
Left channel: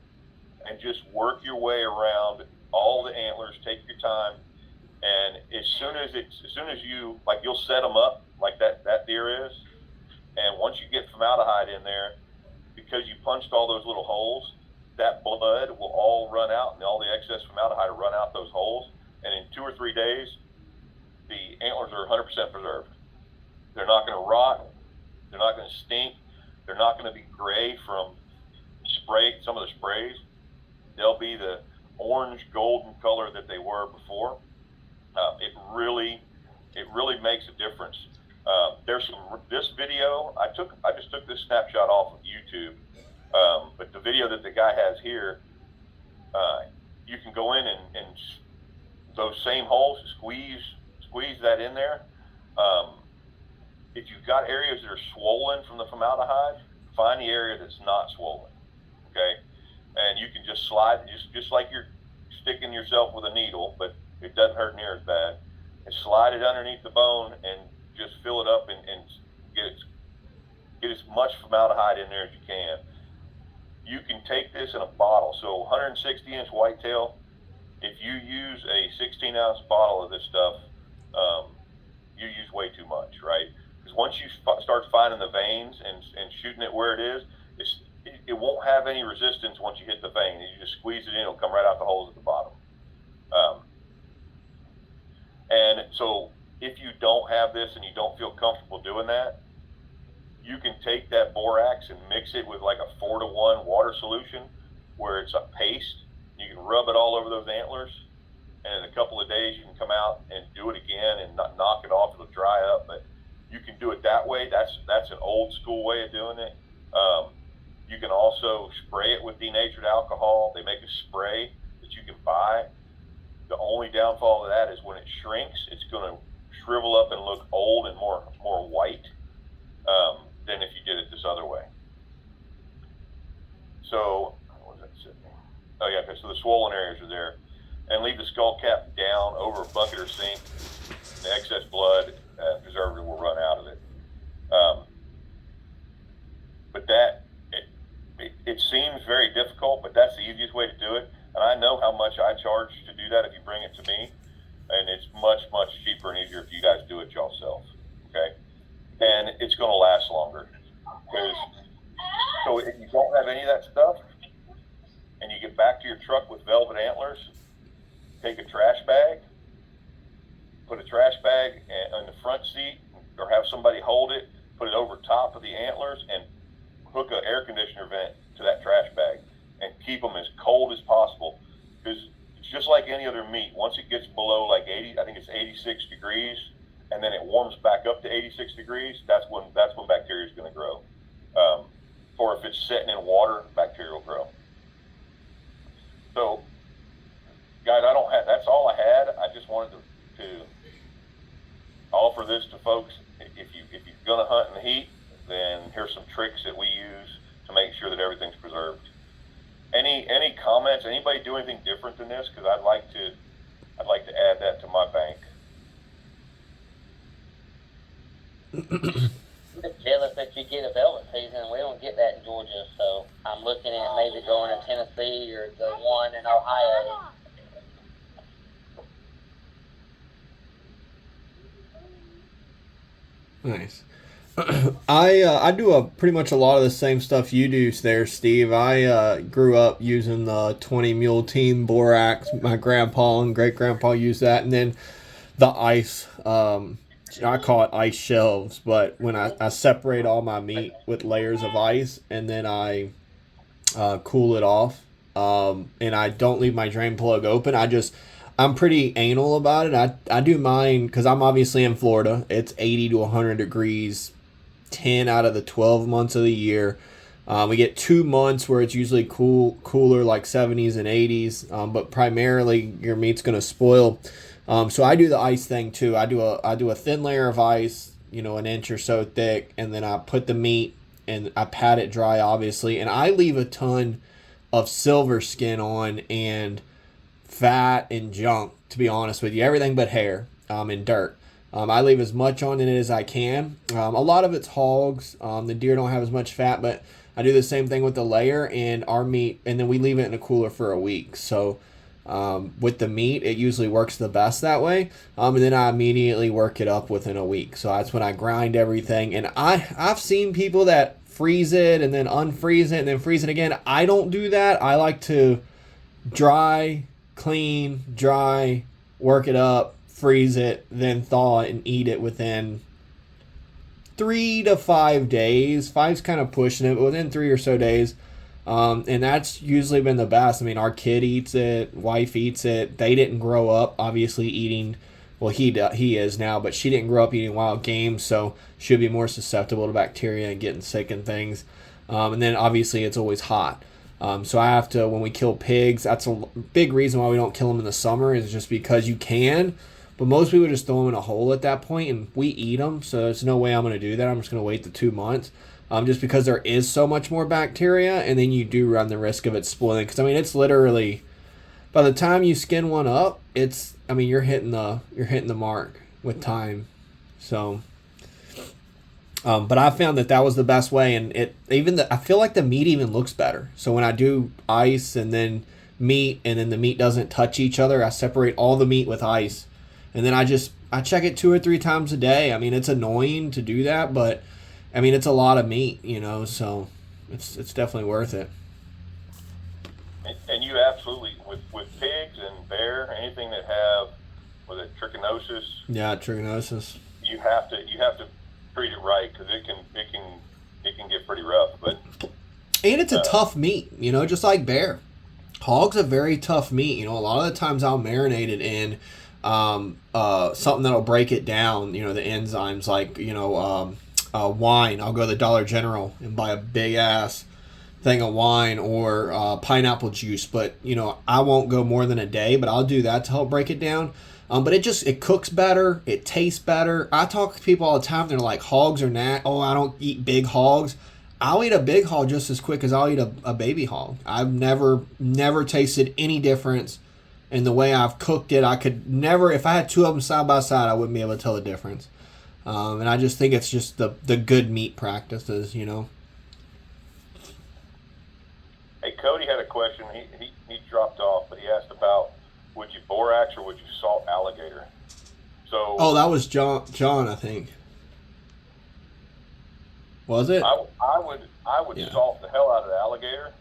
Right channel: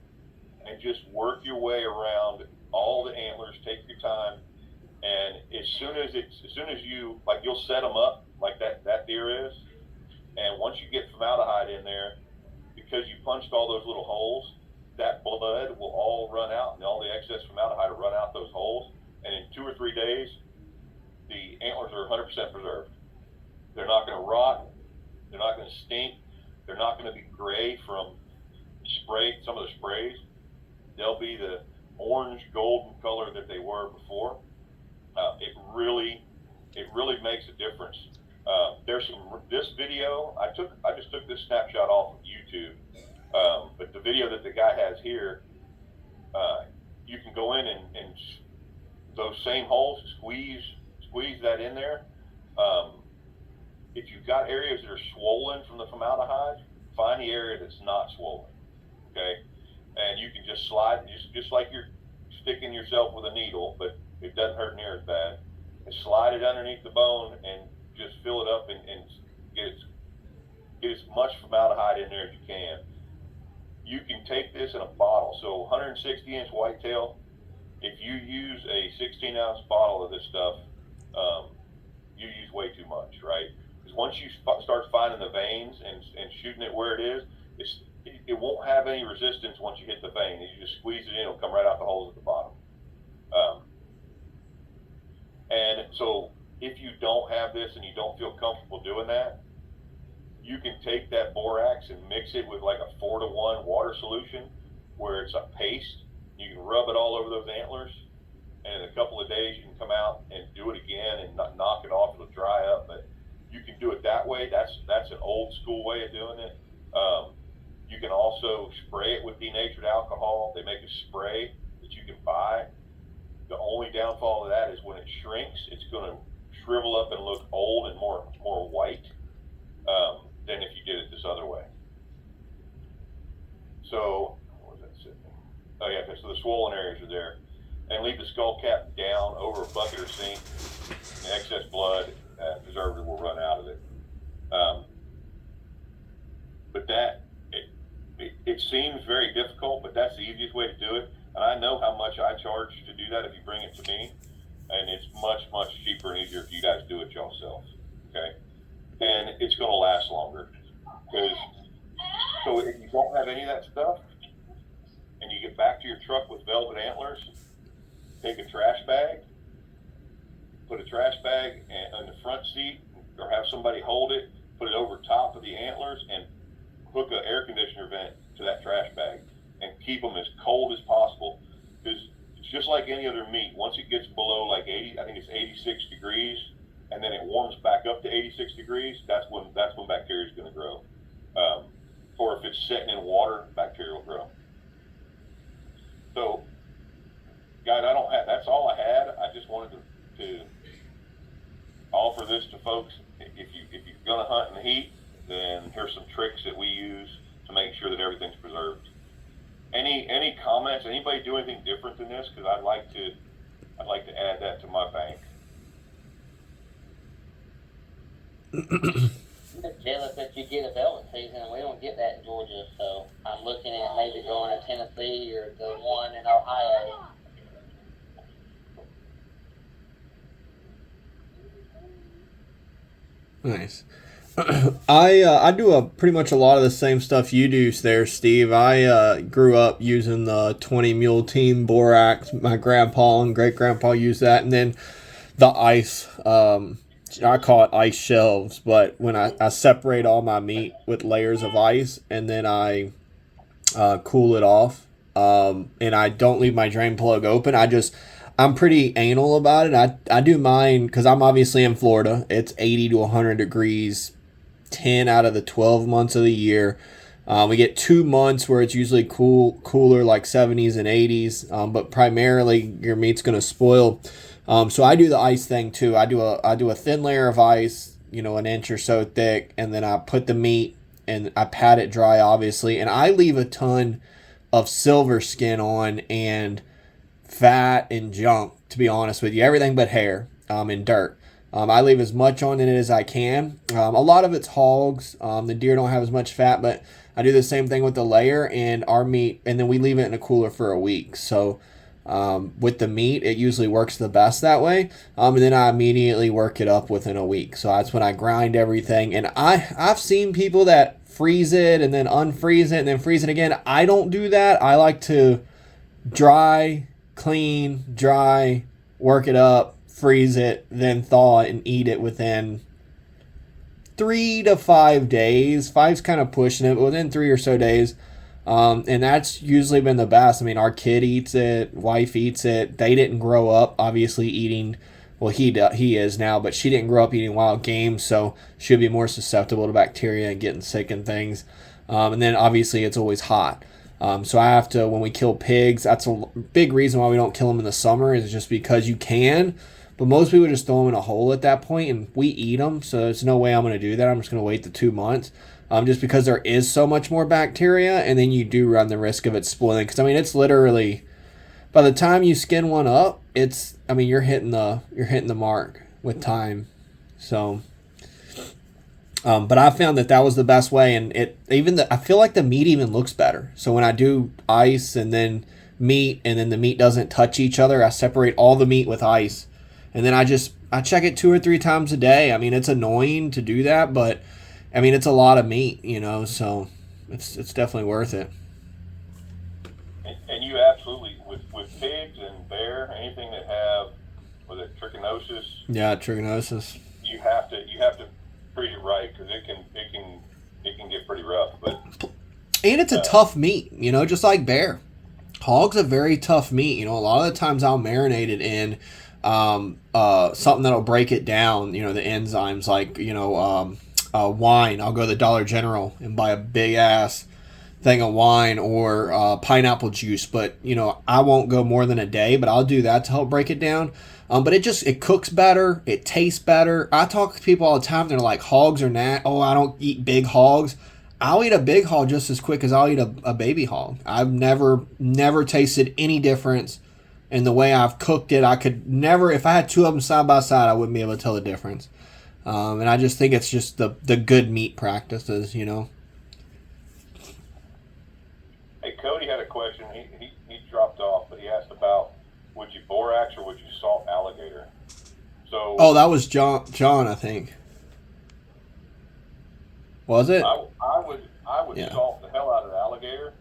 And just work your way around all the antlers. Take your time, and as soon as you you'll set them up like that deer is, and once you get formaldehyde in there, because you punched all those little holes, that blood will all run out, and all the excess formaldehyde will run out those holes, and in 2 or 3 days, the antlers are 100% preserved. They're not going to rot. They're not going to stink. They're not going to be gray from some of the sprays. They'll be the orange golden color that they were before. It really makes a difference. This video I just took this snapshot off of YouTube, but the video that the guy has here, you can go in and those same holes, squeeze that in there. If you've got areas that are swollen from the formaldehyde, find the area that's not swollen, okay? And you can just slide, just like you're sticking yourself with a needle, but it doesn't hurt near as bad. And slide it underneath the bone and just fill it up and get as much formaldehyde in there as you can. You can take this in a bottle. So 160-inch whitetail, if you use a 16-ounce bottle of this stuff, you use way too much, right? Because once you start finding the veins and shooting it where it is, it won't have any resistance once you hit the vein. You just squeeze it in, it'll come right out the holes at the bottom. And so if you don't have this and you don't feel comfortable doing that, you can take that borax and mix it with like a 4-to-1 water solution where it's a paste. You can rub it all over those antlers, and in a couple of days you can come out and do it again and not knock it off. It'll dry up, but you can do it that way. That's an old school way of doing it. You can also spray it with denatured alcohol. They make a spray that you can buy. The only downfall of that is when it shrinks, it's going to shrivel up and look old and more white than if you did it this other way. So, what was that sitting? Oh yeah, okay, so the swollen areas are there. And leave the skull cap down over a bucket or sink. The excess blood preservative will run out of it. But it seems very difficult, but that's the easiest way to do it. And I know how much I charge to do that if you bring it to me, and it's much, much cheaper and easier if you guys do it yourself. Okay, and it's going to last longer. Because so if you don't have any of that stuff, and you get back to your truck with velvet antlers, take a trash bag, put a trash bag on the front seat, or have somebody hold it, put it over top of the antlers, and hook an air conditioner vent to that trash bag, and keep them as cold as possible. Because it's just like any other meat. Once it gets below like 80, I think it's 86 degrees, and then it warms back up to 86 degrees, that's when bacteria is going to grow. Or if it's sitting in water, bacteria will grow. So, guys, that's all I had. I just wanted to offer this to folks. If you're going to hunt in the heat, then here's some tricks that we use to make sure that everything's preserved. Any comments? Anybody do anything different than this? Because I'd like to add that to my bank. Jealous that you get a velvet season. We don't get that in Georgia, so I'm looking at maybe going to Tennessee or the one in Ohio. Nice. I do pretty much a lot of the same stuff you do there, Steve. I grew up using the 20 mule team borax. My grandpa and great grandpa used that, and then the ice. I call it ice shelves, but when I separate all my meat with layers of ice, and then I cool it off, and I don't leave my drain plug open. I'm pretty anal about it. I do mine because I'm obviously in Florida. It's 80 to 100 degrees 10 out of the 12 months of the year. We get 2 months where it's usually cooler, like 70s and 80s, but primarily your meat's going to spoil. So I do the ice thing too. I do a thin layer of ice, an inch or so thick, and then I put the meat and I pat it dry, obviously, and I leave a ton of silver skin on and fat and junk, to be honest with you, everything but hair and dirt. I leave as much on in it as I can. A lot of it's hogs. The deer don't have as much fat, but I do the same thing with the layer and our meat, and then we leave it in a cooler for a week. So with the meat, it usually works the best that way. And then I immediately work it up within a week. So that's when I grind everything. And I've seen people that freeze it and then unfreeze it and then freeze it again. I don't do that. I like to dry, clean, dry, work it up, freeze it, then thaw it and eat it within 3 to 5 days. 5's kind of pushing it, but within 3 or so days. And that's usually been the best. I mean, our kid eats it, wife eats it. They didn't grow up obviously eating, well, he is now, but she didn't grow up eating wild game, so she'll be more susceptible to bacteria and getting sick and things. And then obviously it's always hot. So I have to, when we kill pigs, that's a big reason why we don't kill them in the summer, is just because you can. But most people just throw them in a hole at that point, and we eat them, so there's no way I'm going to do that. I'm just going to wait the 2 months, just because there is so much more bacteria, and then you do run the risk of it spoiling. Because, I mean, it's literally, by the time you skin one up, you're hitting the mark with time. So, but I found that was the best way, and I feel like the meat even looks better. So when I do ice and then meat, and then the meat doesn't touch each other, I separate all the meat with ice. And then I check it 2 or 3 times a day. I mean, it's annoying to do that, but I mean, it's a lot of meat, so it's definitely worth it. And you absolutely, with pigs and bear, anything that have, was it trichinosis? Yeah, trichinosis. You have to treat it right, because it can get pretty rough. And it's a tough meat, just like bear. Hog's a very tough meat. A lot of the times I'll marinate it in something that'll break it down, the enzymes, like wine. I'll go to the Dollar General and buy a big ass thing of wine, or pineapple juice, but I won't go more than a day, but I'll do that to help break it down. But it cooks better, it tastes better. I talk to people all the time, they're like, hogs are I don't eat big hogs. I'll eat a big hog just as quick as I'll eat a baby hog. I've never tasted any difference in the way I've cooked it. I could never, if I had 2 of them side by side, I wouldn't be able to tell the difference. And I just think it's just the good meat practices, a question. He dropped off, but he asked about would you borax or would you salt alligator? So Oh, that was John, I think. Was it? I would Yeah. salt the hell out of the alligator,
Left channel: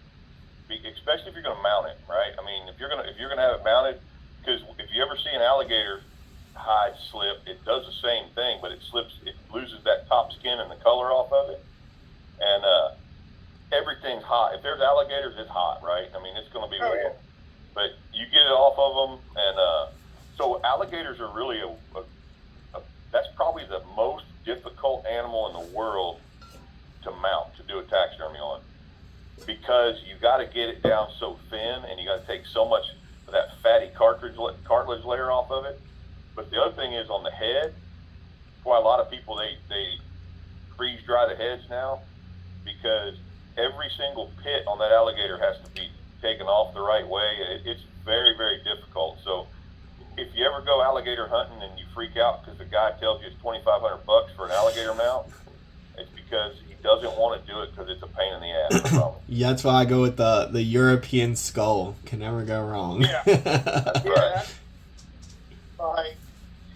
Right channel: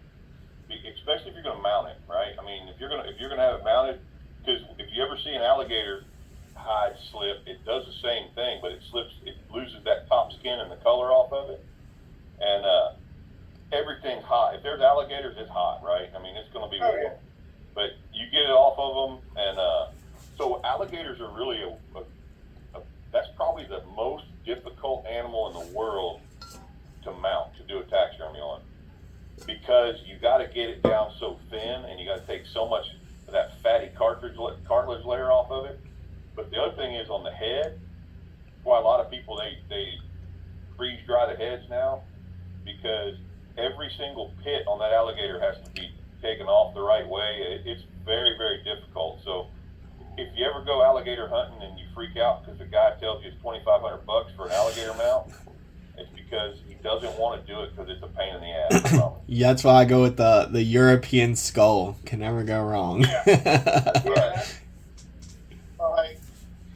especially if you're going to mount it, right? I mean, if you're gonna have it mounted, because if you ever see an alligator hide slip, it does the same thing, but it loses that top skin and the color off of it, and everything's hot. If there's alligators, it's hot, right? I mean, it's going to be warm, but you get it off of them, and so alligators are really that's probably the most difficult animal in the world to mount, to do a taxidermy on, because you got to get it down so thin, and you got to take so much of that fatty cartilage layer off of it. But the other thing is on the head. Why a lot of people they freeze dry the heads now, because every single pit on that alligator has to be taken off the right way. It's very, very difficult. So if you ever go alligator hunting and you freak out because the guy tells you it's $2,500 for an alligator mount, it's because he doesn't want to do it because it's a pain in the ass. Yeah, that's why I go with the European skull. Can never go wrong. Yeah. Yeah. Like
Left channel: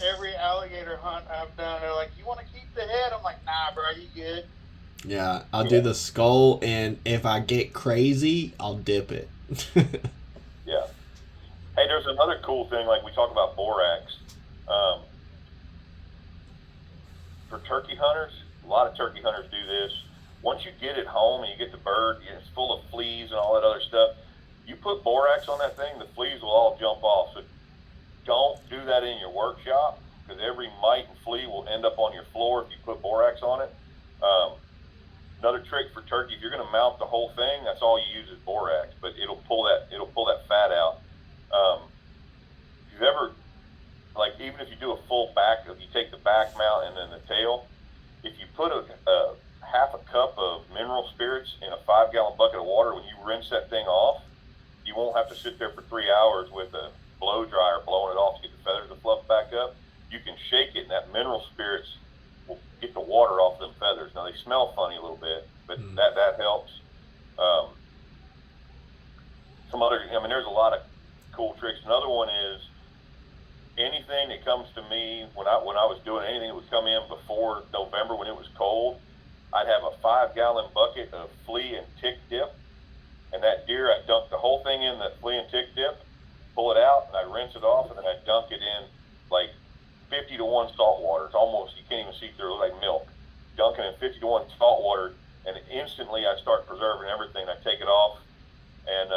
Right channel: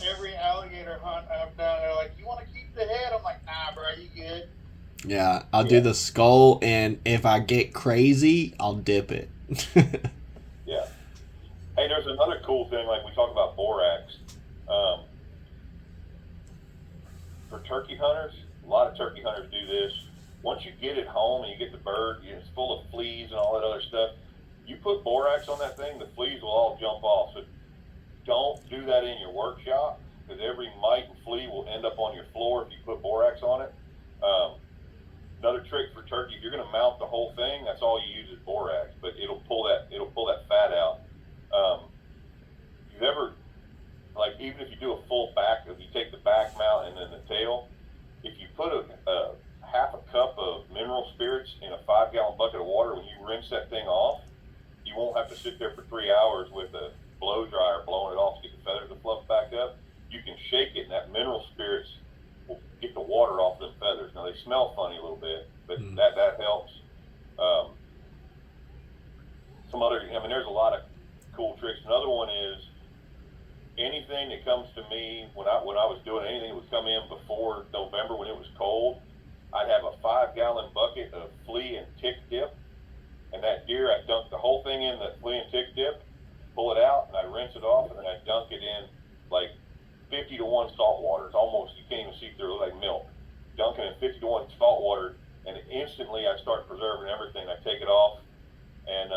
every alligator hunt I've done, they're like, "You want to keep the head?" I'm like, "Nah, bro, you good." Yeah, I'll do the skull, and if I get crazy, I'll dip it. Yeah. Hey, there's another cool thing, like we talk about borax. For turkey hunters, a lot of turkey hunters do this. Once you get it home and you get the bird, it's full of fleas and all that other stuff, you put borax on that thing, the fleas will all jump off. So don't do that in your workshop, because every mite and flea will end up on your floor if you put borax on it. Another trick for turkey, if you're going to mount the whole thing, that's all you use is borax, but it'll pull that fat out. If you ever, like, even if you do a full back, if you take the back mount and then the tail, if you put a half a cup of mineral spirits in a 5-gallon bucket of water, when you rinse that thing off, you won't have to sit there for 3 hours with a blow dryer blowing it off to get the feathers to fluff back up. You can shake it, and that mineral spirits will get the water off them feathers. Now, they smell funny a little bit, but that helps. There's a lot of cool tricks. Another one is anything that comes to me when I was doing anything that would come in before November when it was cold, I'd have a 5-gallon bucket of flea and tick dip, and that deer, I'd dunk the whole thing in that flea and tick dip, pull it out, and I'd rinse it off, and then I'd dunk it in like 50 to 1 salt water. It's almost, you can't even see through it, like milk. Dunk it in 50 to 1 salt water, and instantly I start preserving everything. I take it off, and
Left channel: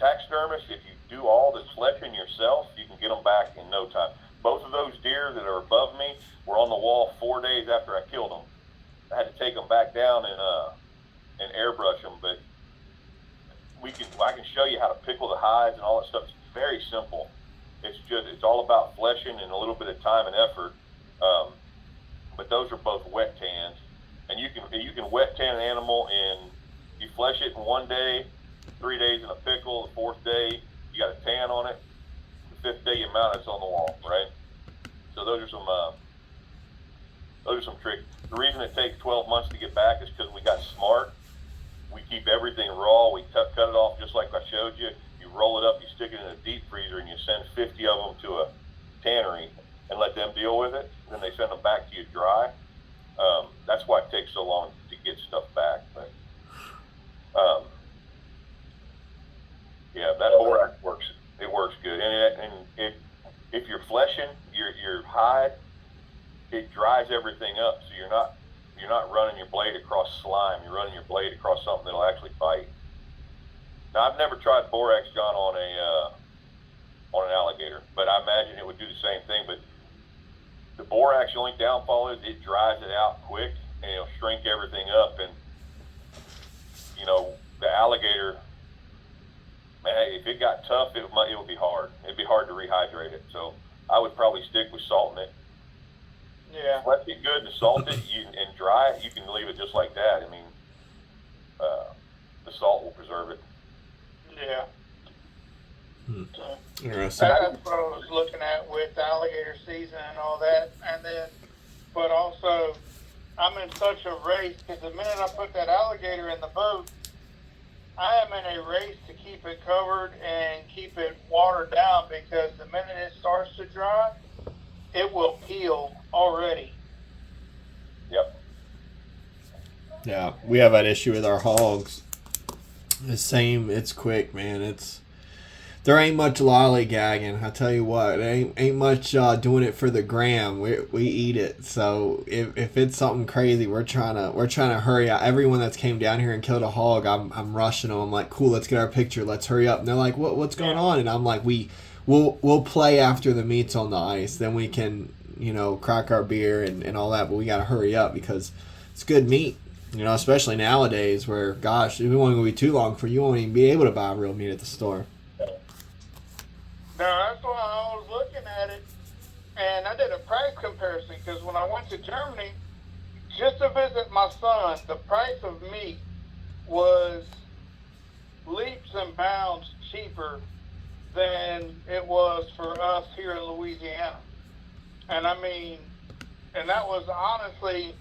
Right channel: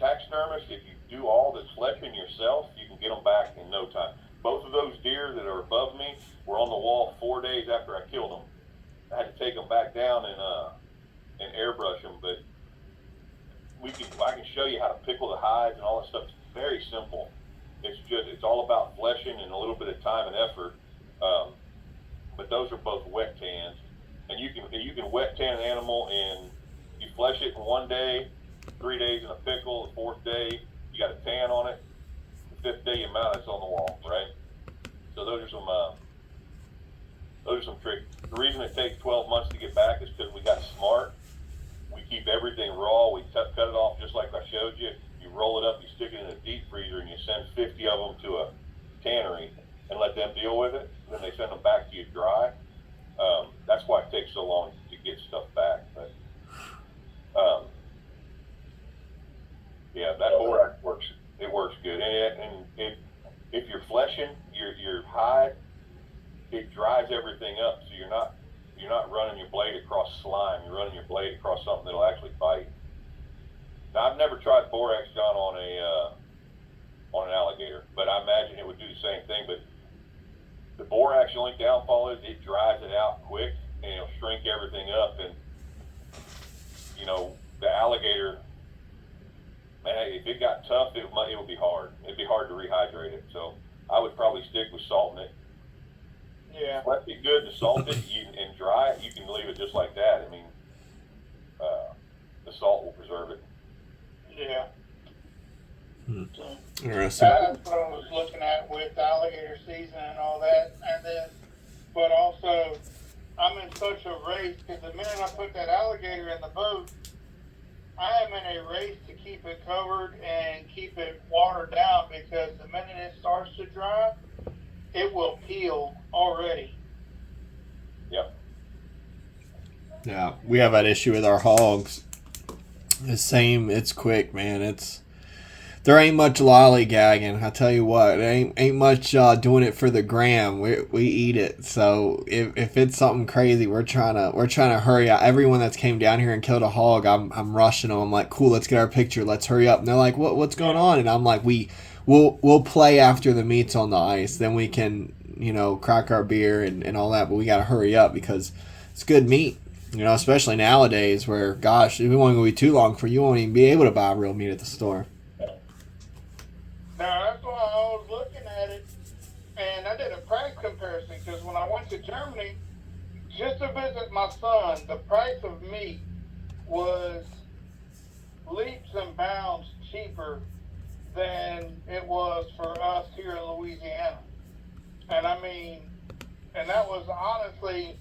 taxidermist, if you do all the selection yourself, you can get them back in no time. Both of those deer that are above me were on the wall 4 days after I killed them. I had to take them back down and airbrush them, but I can show you how to pickle the hides and all that stuff. It's very simple. It's all about fleshing and a little bit of time and effort. But those are both wet tans, and you can wet tan an animal, and you flesh it in 1 day, 3 days in a pickle. The 4th day you got a tan on it. The 5th day you mount it's on the wall, right? So those are some tricks. The reason it takes 12 months to get back is because we got smart. We keep everything raw. We cut it off just like I showed you. You roll it up, you stick it in a deep freezer, and you send 50 of them to a tannery and let them deal with it. Then they send them back to you dry. That's why it takes so long to get stuff back. But yeah, that borax works. It works good, and if you're fleshing your hide, it dries everything up, so you're not running your blade across slime. You're running your blade across something that'll actually bite. Now, I've never tried borax, John, on an alligator, but I imagine it would do the same thing. But the borax, the only downfall is it dries it out quick, and it'll shrink everything up. And the alligator, man, if it got tough, it would be hard. It'd be hard to rehydrate it. So I would probably stick with salting it. Yeah. Let it good and salt it and dry it. You can leave it just like that. I mean, the salt will preserve it. Yeah. Interesting. That's what I was looking at with alligator season and all that, but also I'm in such a race because the minute I put that alligator in the boat, I am in a race to keep it covered and keep it watered down because the minute it starts to dry, it will peel already. Yep. Yeah, we have that issue with our hogs. The same, it's quick, man. There ain't much lollygagging. I tell you what, ain't much doing it for the gram. We eat it. So if it's something crazy, we're trying to hurry up. Everyone that's came down here and killed a hog, I'm rushing them. I'm like, cool, let's get our picture. Let's hurry up. And they're like, what's going on? And I'm like, we'll play after the meat's on the ice. Then we can crack our beer and all that. But we got to hurry up because it's good meat. Especially nowadays where, gosh, if it won't be too long for you won't even be able to buy real meat at the store. Now, that's why I was looking at it, and I did a price comparison, because when I went to Germany, just to visit my son, the price of meat was leaps and bounds cheaper than it was for us here in Louisiana. And I mean, and that was honestly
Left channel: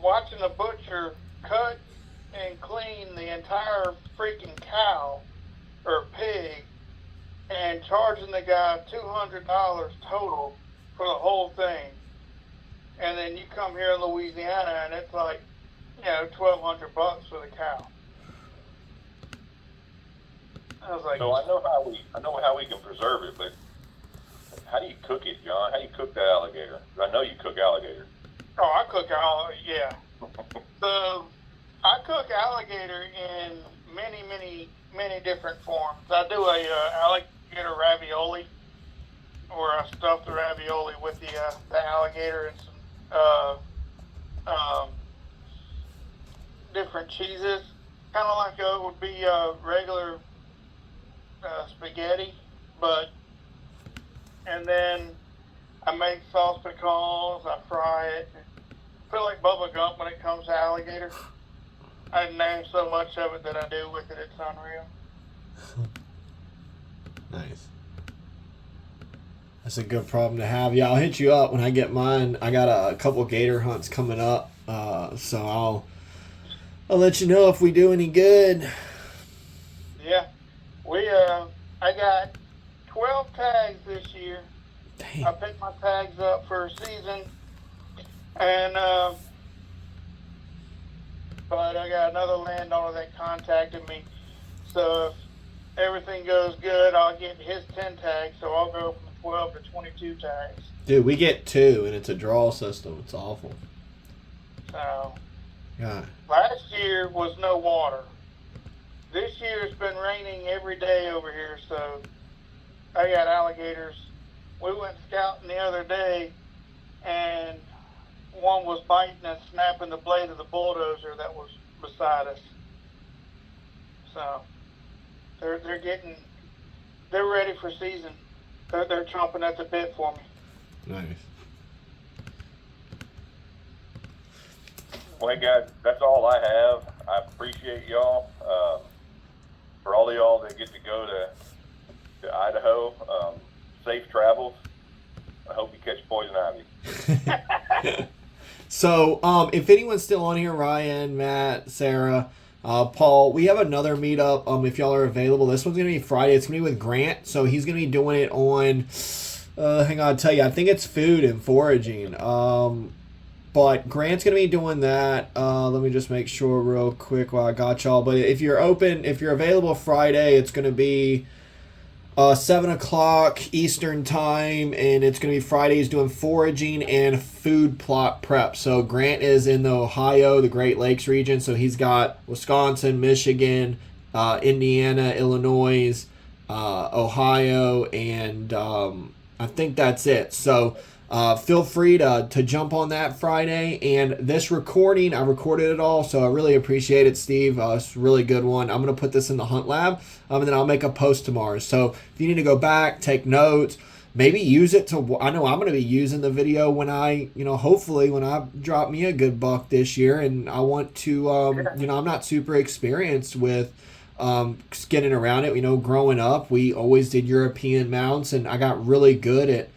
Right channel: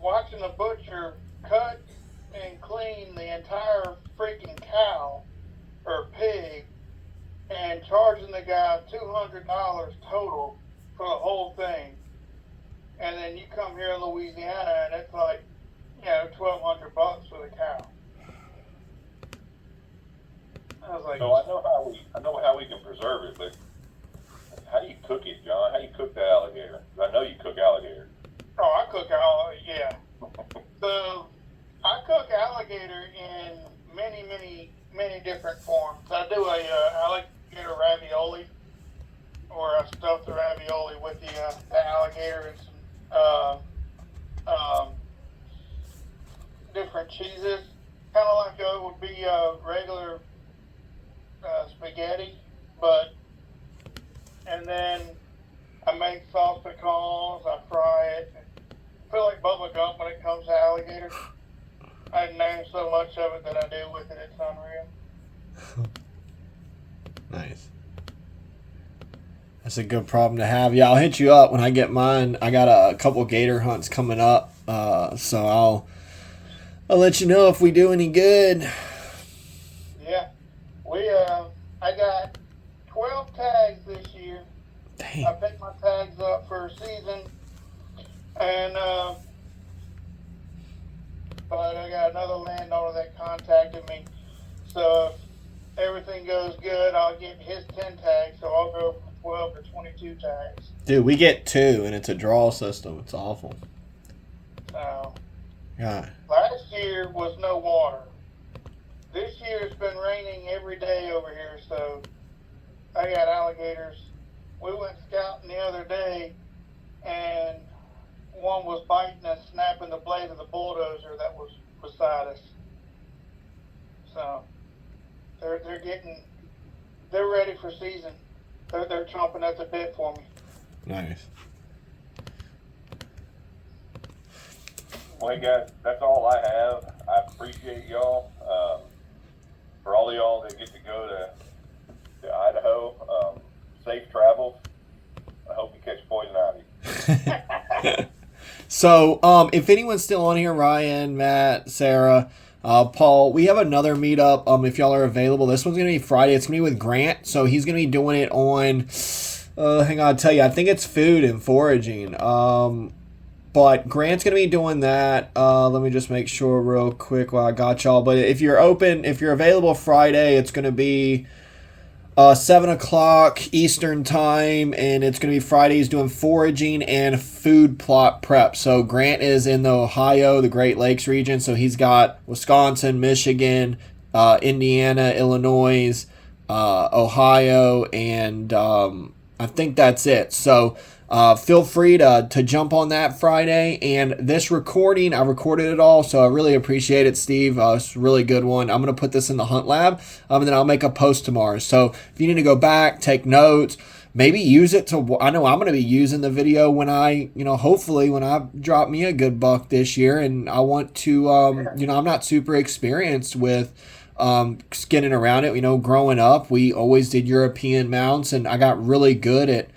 watching a butcher cut and clean the entire freaking cow or pig and charging the guy $200 total for the whole thing. And then you come here in Louisiana and it's like, $1,200 for the cow. I was like, So I know how we can preserve it, but how do you cook it, John? How do you cook the alligator? I know you cook alligator. oh, I cook yeah. So I cook alligator in many, many, many different forms. I do a alligator ravioli, where I stuff the ravioli with the alligator and some different cheeses, kind of like it would be regular spaghetti, and then I make sauce pecans, I fry it. I feel like bubble gum when it comes to alligator. I name so much of it that I do with it, it's unreal. Nice. That's a good problem to have. Yeah, I'll hit you up when I get mine. I got a couple gator hunts coming up, so I'll let you know if we do any good. Yeah, I got 12 tags this year. Dang. I picked my tags up for a season, and but I got another landowner that contacted me. So if everything goes good, I'll get his 10 tags. So I'll go from 12 to 22 tags. Dude, we get 2, and it's a draw system. It's awful. So Yeah. last year was no water. This year it's been raining every day over here, so I got alligators. We went scouting the other day, and one was biting and snapping the blade of the bulldozer that was beside us. So they're ready for season. They're chomping at the bit for me. Nice. Well, hey guys, that's all I have. I appreciate y'all. For all of y'all that get to go to Idaho, safe travels. I hope you catch poison ivy. So, if anyone's still on here, Ryan, Matt, Sarah, Paul, we have another meetup. If y'all are available, this one's gonna be Friday. It's gonna be with Grant, so he's gonna be doing it on. Hang on, I'll tell you. I think it's food and foraging. But Grant's gonna be doing that. Let me just make sure real quick while I got y'all. But if you're available Friday, it's gonna be 7 o'clock Eastern time, and it's going to be Fridays doing foraging and food plot prep. So Grant is in the Ohio, the Great Lakes region, so he's got Wisconsin, Michigan, Indiana, Illinois, Ohio, and I think that's it. So feel free to jump on that Friday. And this recording, I recorded it all, so I really appreciate it, Steve. It's a really good one. I'm going to put this in the Hunt Lab, and then I'll make a post tomorrow. So if you need to go back, take notes, maybe use it to, I know I'm going to be using the video when I, hopefully when I drop me a good buck this year, and I want to, I'm not super experienced with skinning around it. Growing up, we always did European mounts, and I got really good at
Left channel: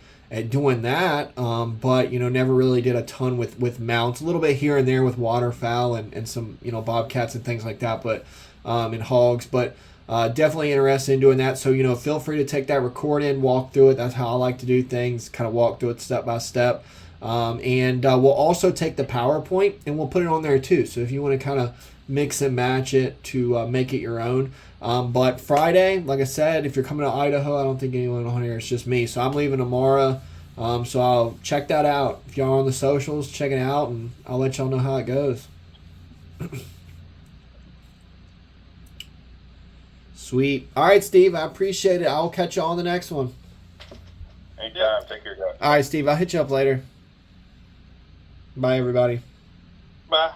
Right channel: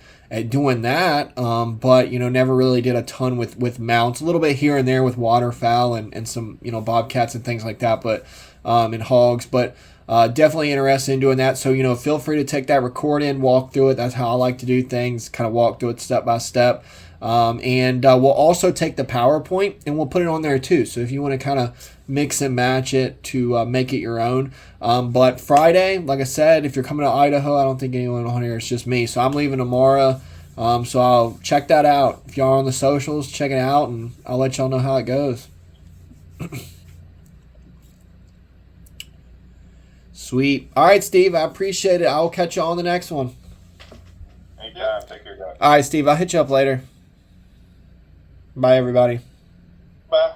doing that, but never really did a ton with mounts. A little bit here and there with waterfowl and some bobcats and things like that. But and hogs, but definitely interested in doing that. So, feel free to take that recording, walk through it. That's how I like to do things, kind of walk through it step by step. And we'll also take the PowerPoint and we'll put it on there too. So if you want to kind of mix and match it to make it your own. But Friday, like I said, if you're coming to Idaho, I don't think anyone on here, it's just me. So I'm leaving tomorrow. So I'll check that out. If y'all are on the socials, check it out and I'll let y'all know how it goes. Sweet. All right, Steve, I appreciate it. I'll catch you on the next one. Anytime. Take care, guys. All right, Steve, I'll hit you up later. Bye, everybody. Bye.